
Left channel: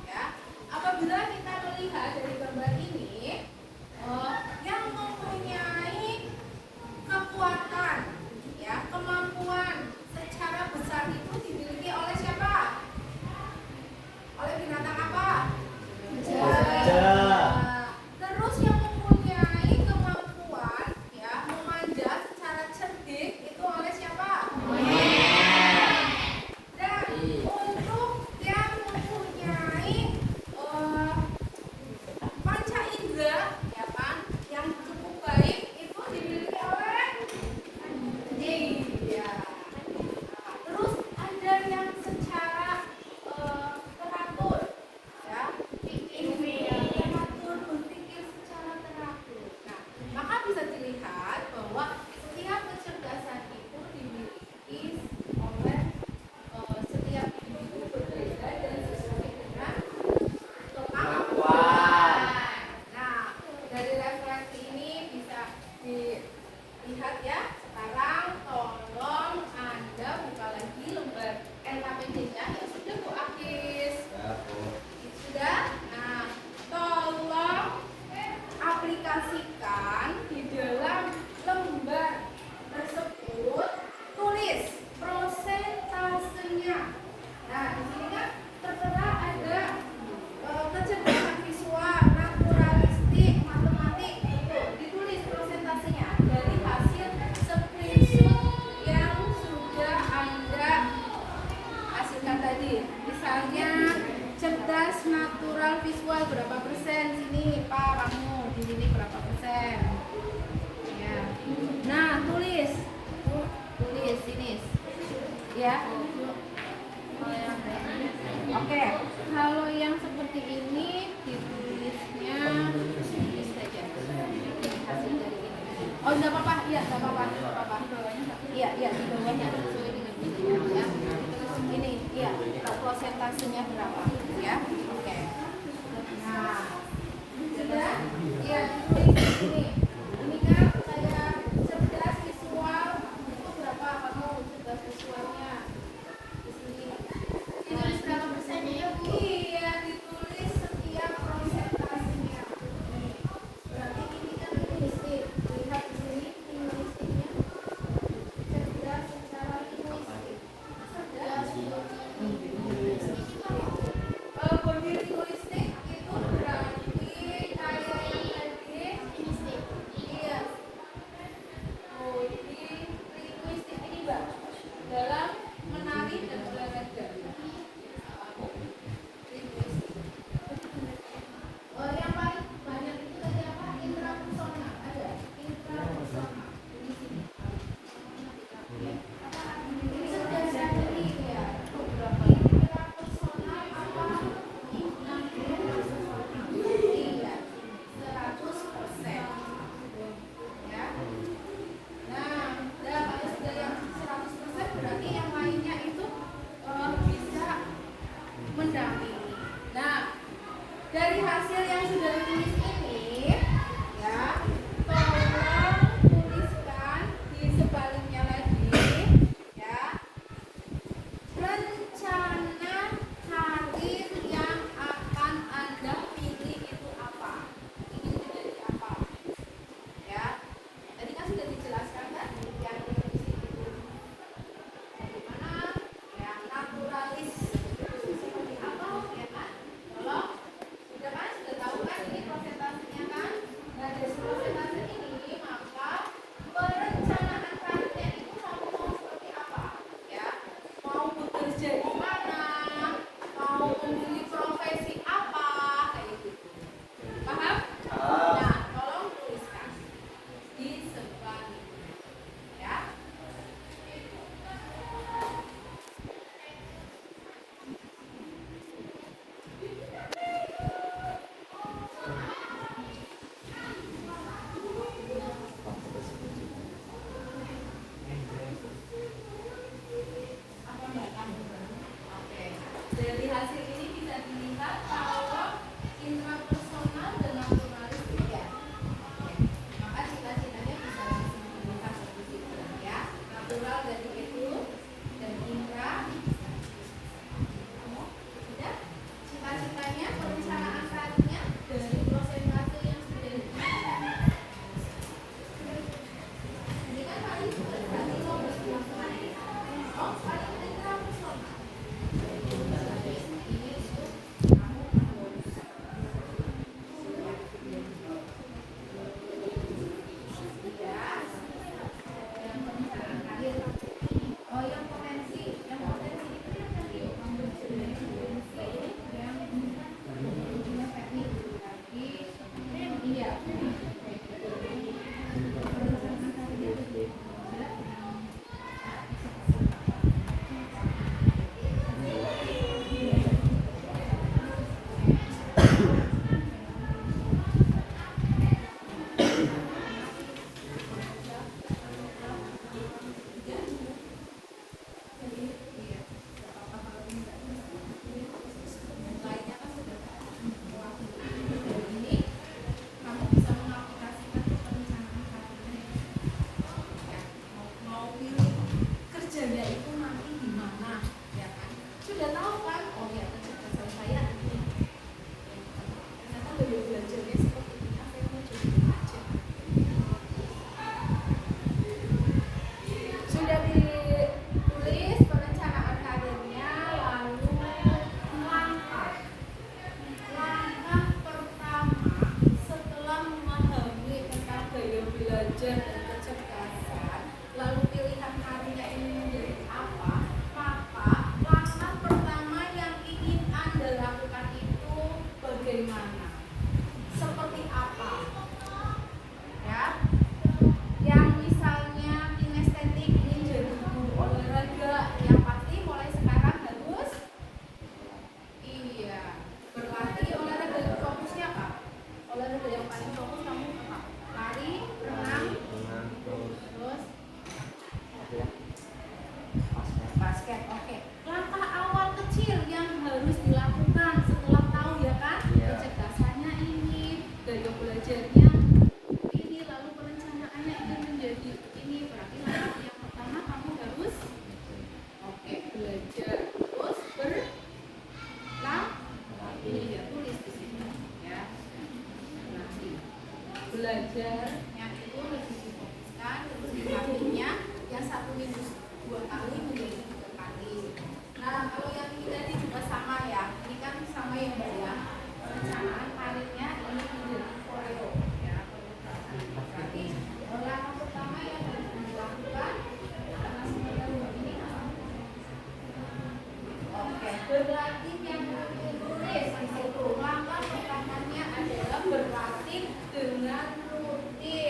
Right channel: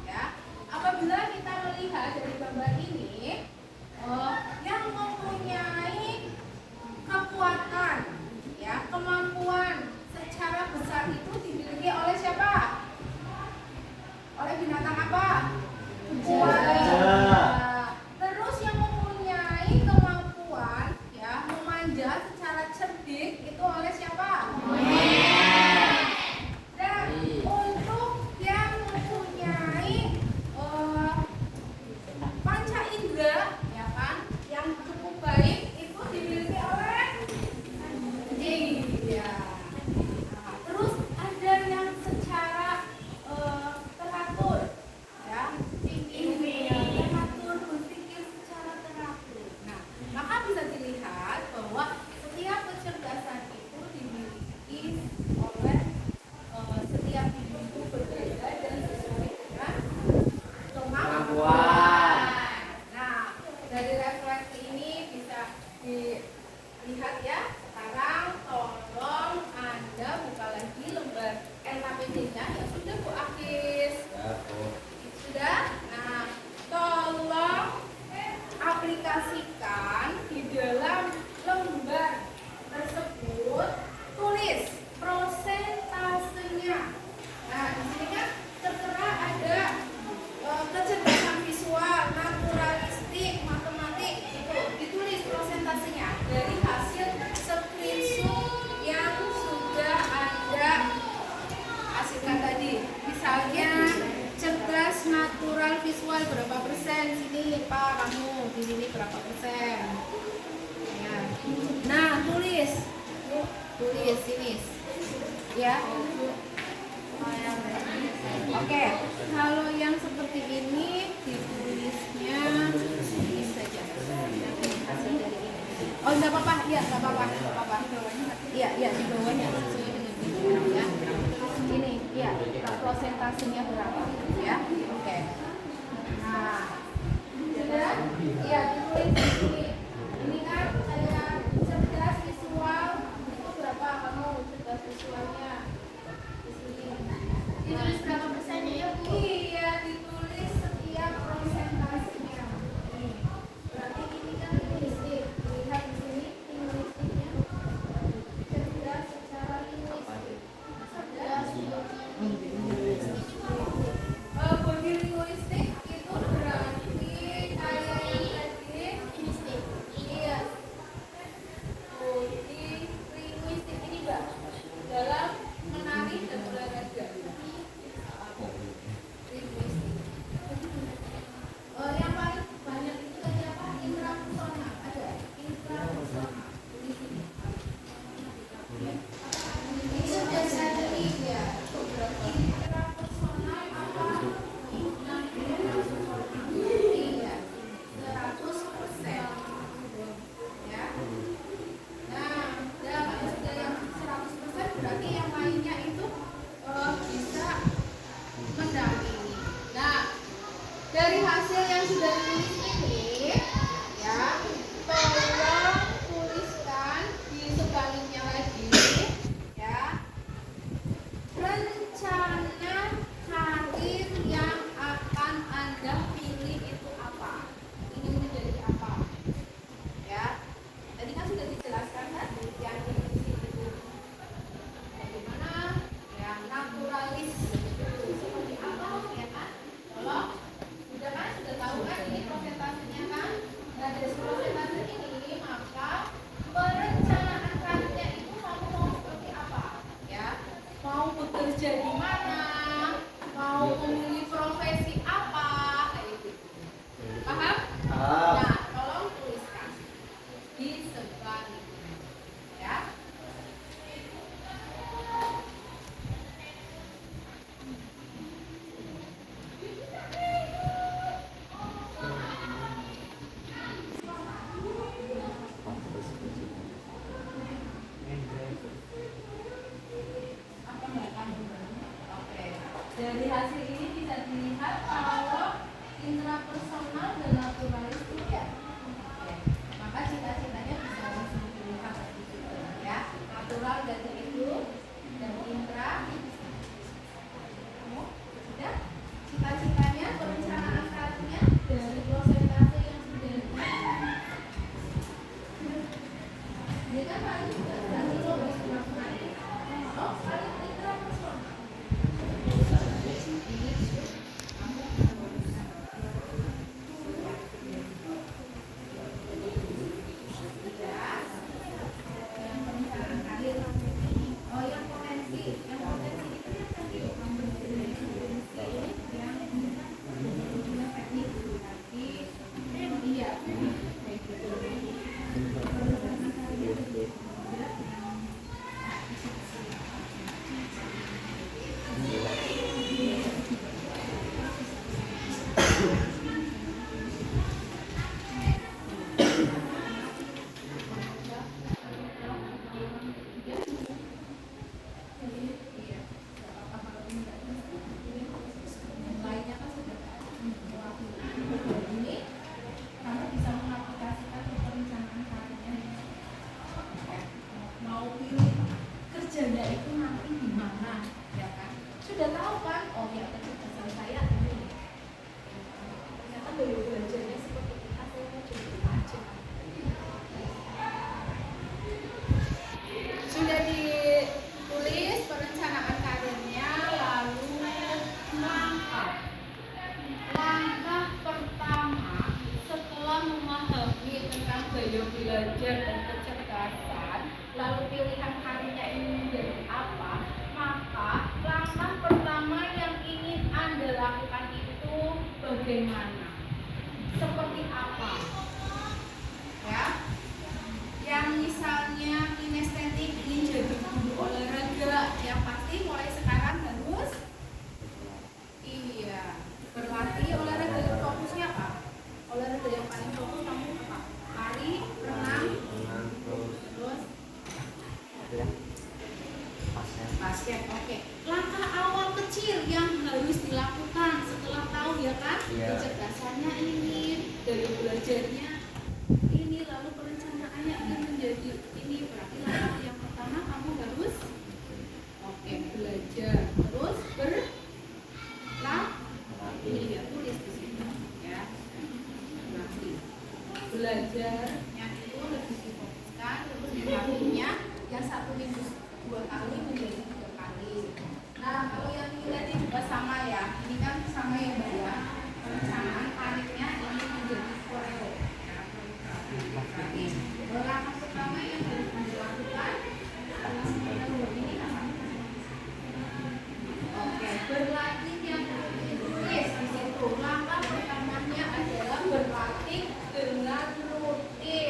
ya. Apabila kita melihat dari gambar ini, yang mempunyai kekuatan ya, kemampuan secara besar itu dimiliki oleh siapa? Oleh binatang apa? Kucing. Terus yang mempunyai kemampuan ya memanjat secara cerdik itu oleh siapa? Dan untuk yang mempunyai panca indera ya kan, yang cukup baik itu dimiliki oleh anjing ya. Nah, terus ada yang secara teratur ya, teratur, berpikir secara teratur. Nah, maka bisa dilihat bahwa setiap kecerdasan itu dimiliki oleh setiap individu berbeda dan sesuai dengan kemampuan. Nah, dari refleksi ini bisa dilihat ya. Sekarang tolong Anda buka lagi lembar LKPD-nya yang sudah Bu Akis. Sudah? Nah, tolong aplikasikan di dalam lembar tersebut, tulis prosentasenya. Nah, di sini kan tertera ada kecerdasan visual, naturalistik, matematik, itu ditulis prosentasenya dari hasil screenshot yang sudah Anda hasilkan tadi. Misalnya cerdas, natural, visual berapa persen? Sini Pak, kamu di sini berapa persen? Ya. Nah, tulis sini ya. Oke, kalau yang seperti ini ditulisnya ini saja. Oke, hasil dari ini. Oh, enggak apa-apa. Iya, enggak apa-apa. Iya, di bawahnya sesuai dengan ini ya. Ini, ya, prosentasenya berapa ya? Oke. Nah, sudah? Iya, ditulis di sini. Ini kan saya cerdas visual itu berapa kamu cerdas visualnya? Di sini. Ditulis berapa persennya ya Bu? Iya, ditulis setiap prosentasenya. Nih, berarti ini kan linguistik. Lihat di sini linguistiknya. Cerdas secara linguistik. Cerdas body linguistik itu berarti Sudah jadi ya. Intrapersonal apa? 100%. Ya. Nah, kalau sudah yang 100% berarti yang lainnya itu bisa mendampingi. Nah, dari hasil yang sudah ditulis ini, ya, tolong tuliskan di sebaliknya lagi, ya, rencana karir yang akan Anda pilih itu apa? Ingin menjadi apa? Ya, tadi kan sudah dijelaskan kan yang di situ. Bagaimana? Yang naturalis seperti apa? Ya kan? Kalau sudah kan sudah tahu kan ini presentasinya kan? Nah dari presentasi ini maka perencanaan karirnya itu kamu mau seperti apa? Ya, mau bekerja di mana? Mau memilih profesi apa? Kayak gitu. Paham? Nah, tolong tuliskan di sebaliknya. Ya. Oke. Dari hasil ini bisa dilihat kalau intrapersonal dan naturalis tidak. Oke. Maka cita-citanya bisa dilihat di situ ya. Natural dari itu dan intra. Sudah? Cita-citanya, perencanaan karirnya dari prosentase yang sudah ini kan paling berarti logos kemampuan. Oh, paling intrapersonal. Sudah ditulis perencanaan karirnya, lalu langkah pertama setelah memahami tentang gaya belajar dan kecerdasan, lalu pilihan karirnya ini menjadi apa, maka langkah pertama yang ingin Anda lakukan itu bagaimana? Seperti apa? Ya, yang misalnya kinestetik ingin jadi guru olahraga, yang pasti mulai sekarang harus berlatih olahraga. Yang fokusnya apa? Olahraga yang paling fokus kamu apa? Lari, renang, terus basket. Oke. Langkah awal kecil yang harus dilakukan setelah tahu ya kan? Kecerdasannya ini, gaya belajarnya ini, lalu perencanaannya ingin menjadi ini. Berarti langkah yang pertama kamu harus belajar, terus ini tulis di sini ya. Belajarnya itu lebih difokuskan, terus dilatihnya yang 1 minggu 2 kali menjadi 3 kali. Nah, kalau yang ini tadi juga sama ya. Ini kan sama yang banyak. Perencanaan karirnya ini menjadi koreo ya. Berarti langkah pertama yang harus dilakukan ini kan. Berlatih yang rutin di situ. Langkah pertamanya adalah berlatih dengan rutin.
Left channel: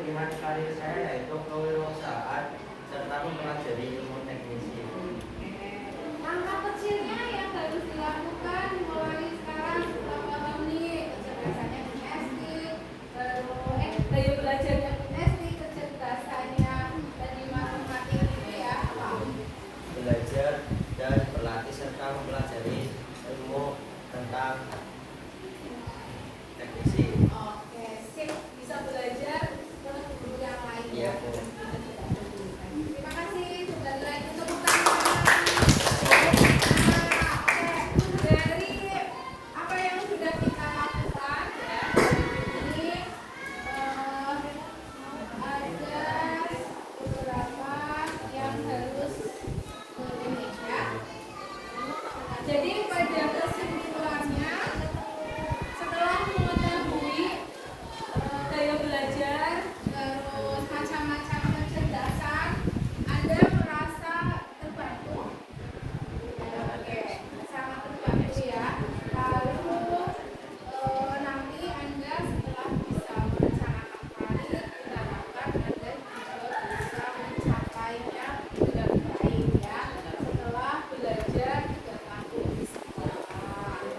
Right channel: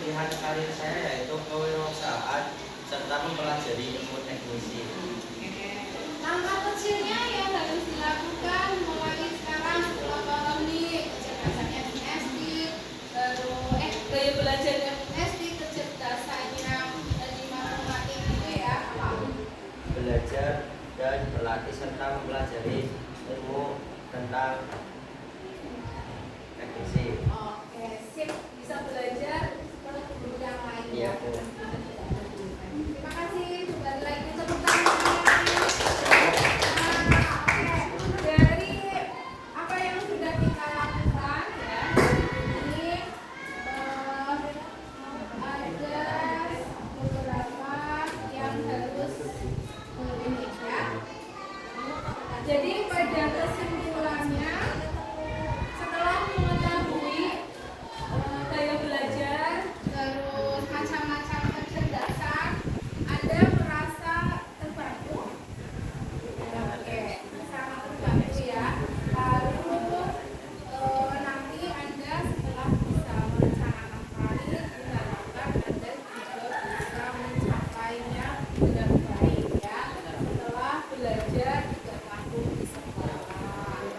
pilihan karir saya yaitu kewirausahaan serta mempelajari ilmu teknisi. Langkah kecilnya yang harus dilakukan mulai sekarang kalau nih kecerdasannya pun SD, terus gaya belajarnya pun SD, kecerdasannya tadi matematik itu ya apa? Belajar dan berlatih serta mempelajari ilmu tentang teknisi. Oke, sip, bisa belajar ke guru yang lain Iya, ya. Bu. Terima kasih, sudah lagi tepuk tangan. Dari apa yang sudah kita lakukan ya, ini ada beberapa yang harus ini ya. Jadi pada kesimpulannya, setelah mengetahui gaya belajar, terus macam-macam kecerdasan, Anda merasa terbantu? Oke, sangat terbantu ya. Lalu nanti Anda setelah bisa merencanakan karir, diharapkan Anda juga bisa mencapainya dengan baik ya. Setelah belajar 3 tahun di sekolah.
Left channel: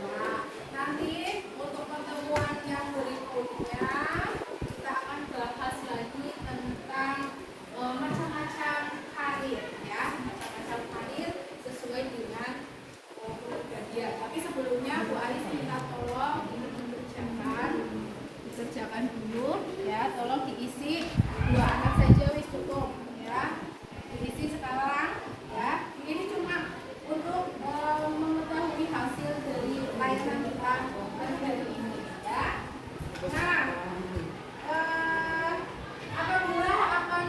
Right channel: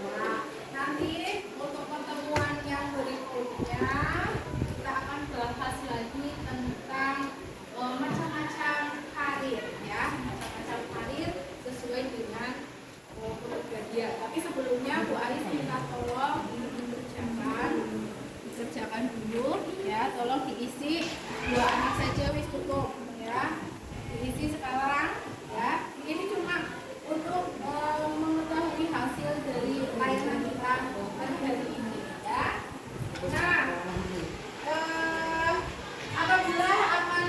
Nah, nanti untuk pertemuan yang berikutnya kita akan bahas lagi tentang macam-macam karir ya, macam-macam karir sesuai dengan kepribadian. Tapi sebelumnya Bu Ais minta tolong dikerjakan dulu ya, tolong diisi 2 anak saja wis cukup ya, diisi sekarang ya. Ini cuma untuk mengetahui hasil dari layanan kita pada hari ini ya. Nah, apabila akan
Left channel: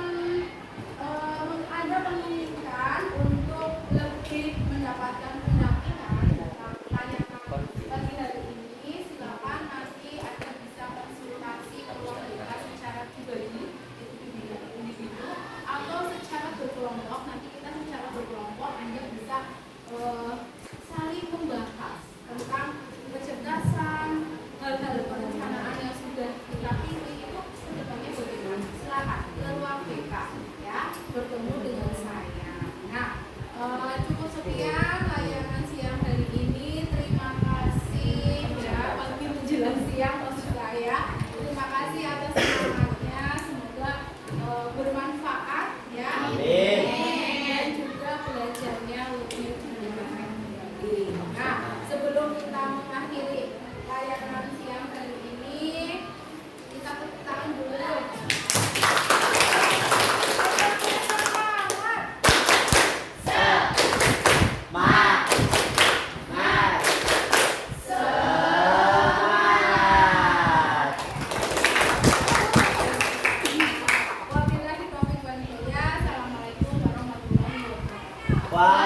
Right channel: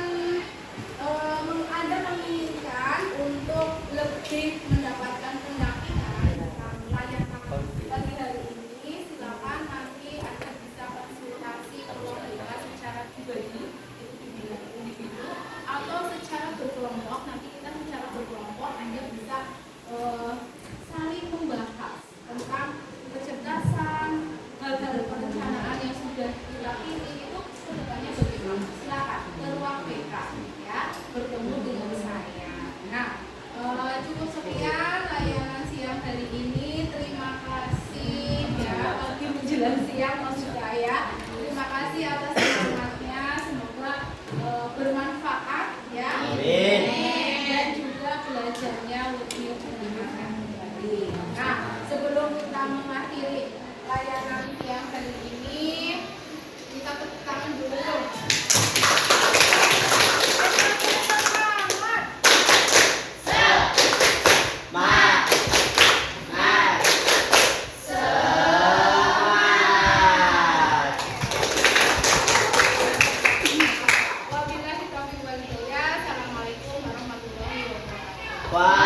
Anda menginginkan untuk lebih mendapatkan pendampingan tentang layanan pagi hari ini, silakan nanti Anda bisa konsultasi ke ruang kita secara pribadi individu atau secara berkelompok. Nanti kita secara berkelompok Anda bisa saling membahas tentang kecerdasan, hal-hal perencanaan yang sudah kita pilih itu kedepannya bagaimana. Silakan ke ruang PK ya, bertemu dengan saya. Nah, cukup sekian layanan siang hari ini. Terima kasih ya, pagi menjelang siang maksud saya. Terima kasih atas semangatnya, semoga bermanfaat ya. Amin. Dan juga belajarnya lebih menyenangkan kembali. Nah, sebelum kita mengakhiri layanan siang hari ini, kita tepuk tangan dulu. Semangat. Wabillahi taufiq wal hidayah. Assalamualaikum warahmatullahi wabarakatuh.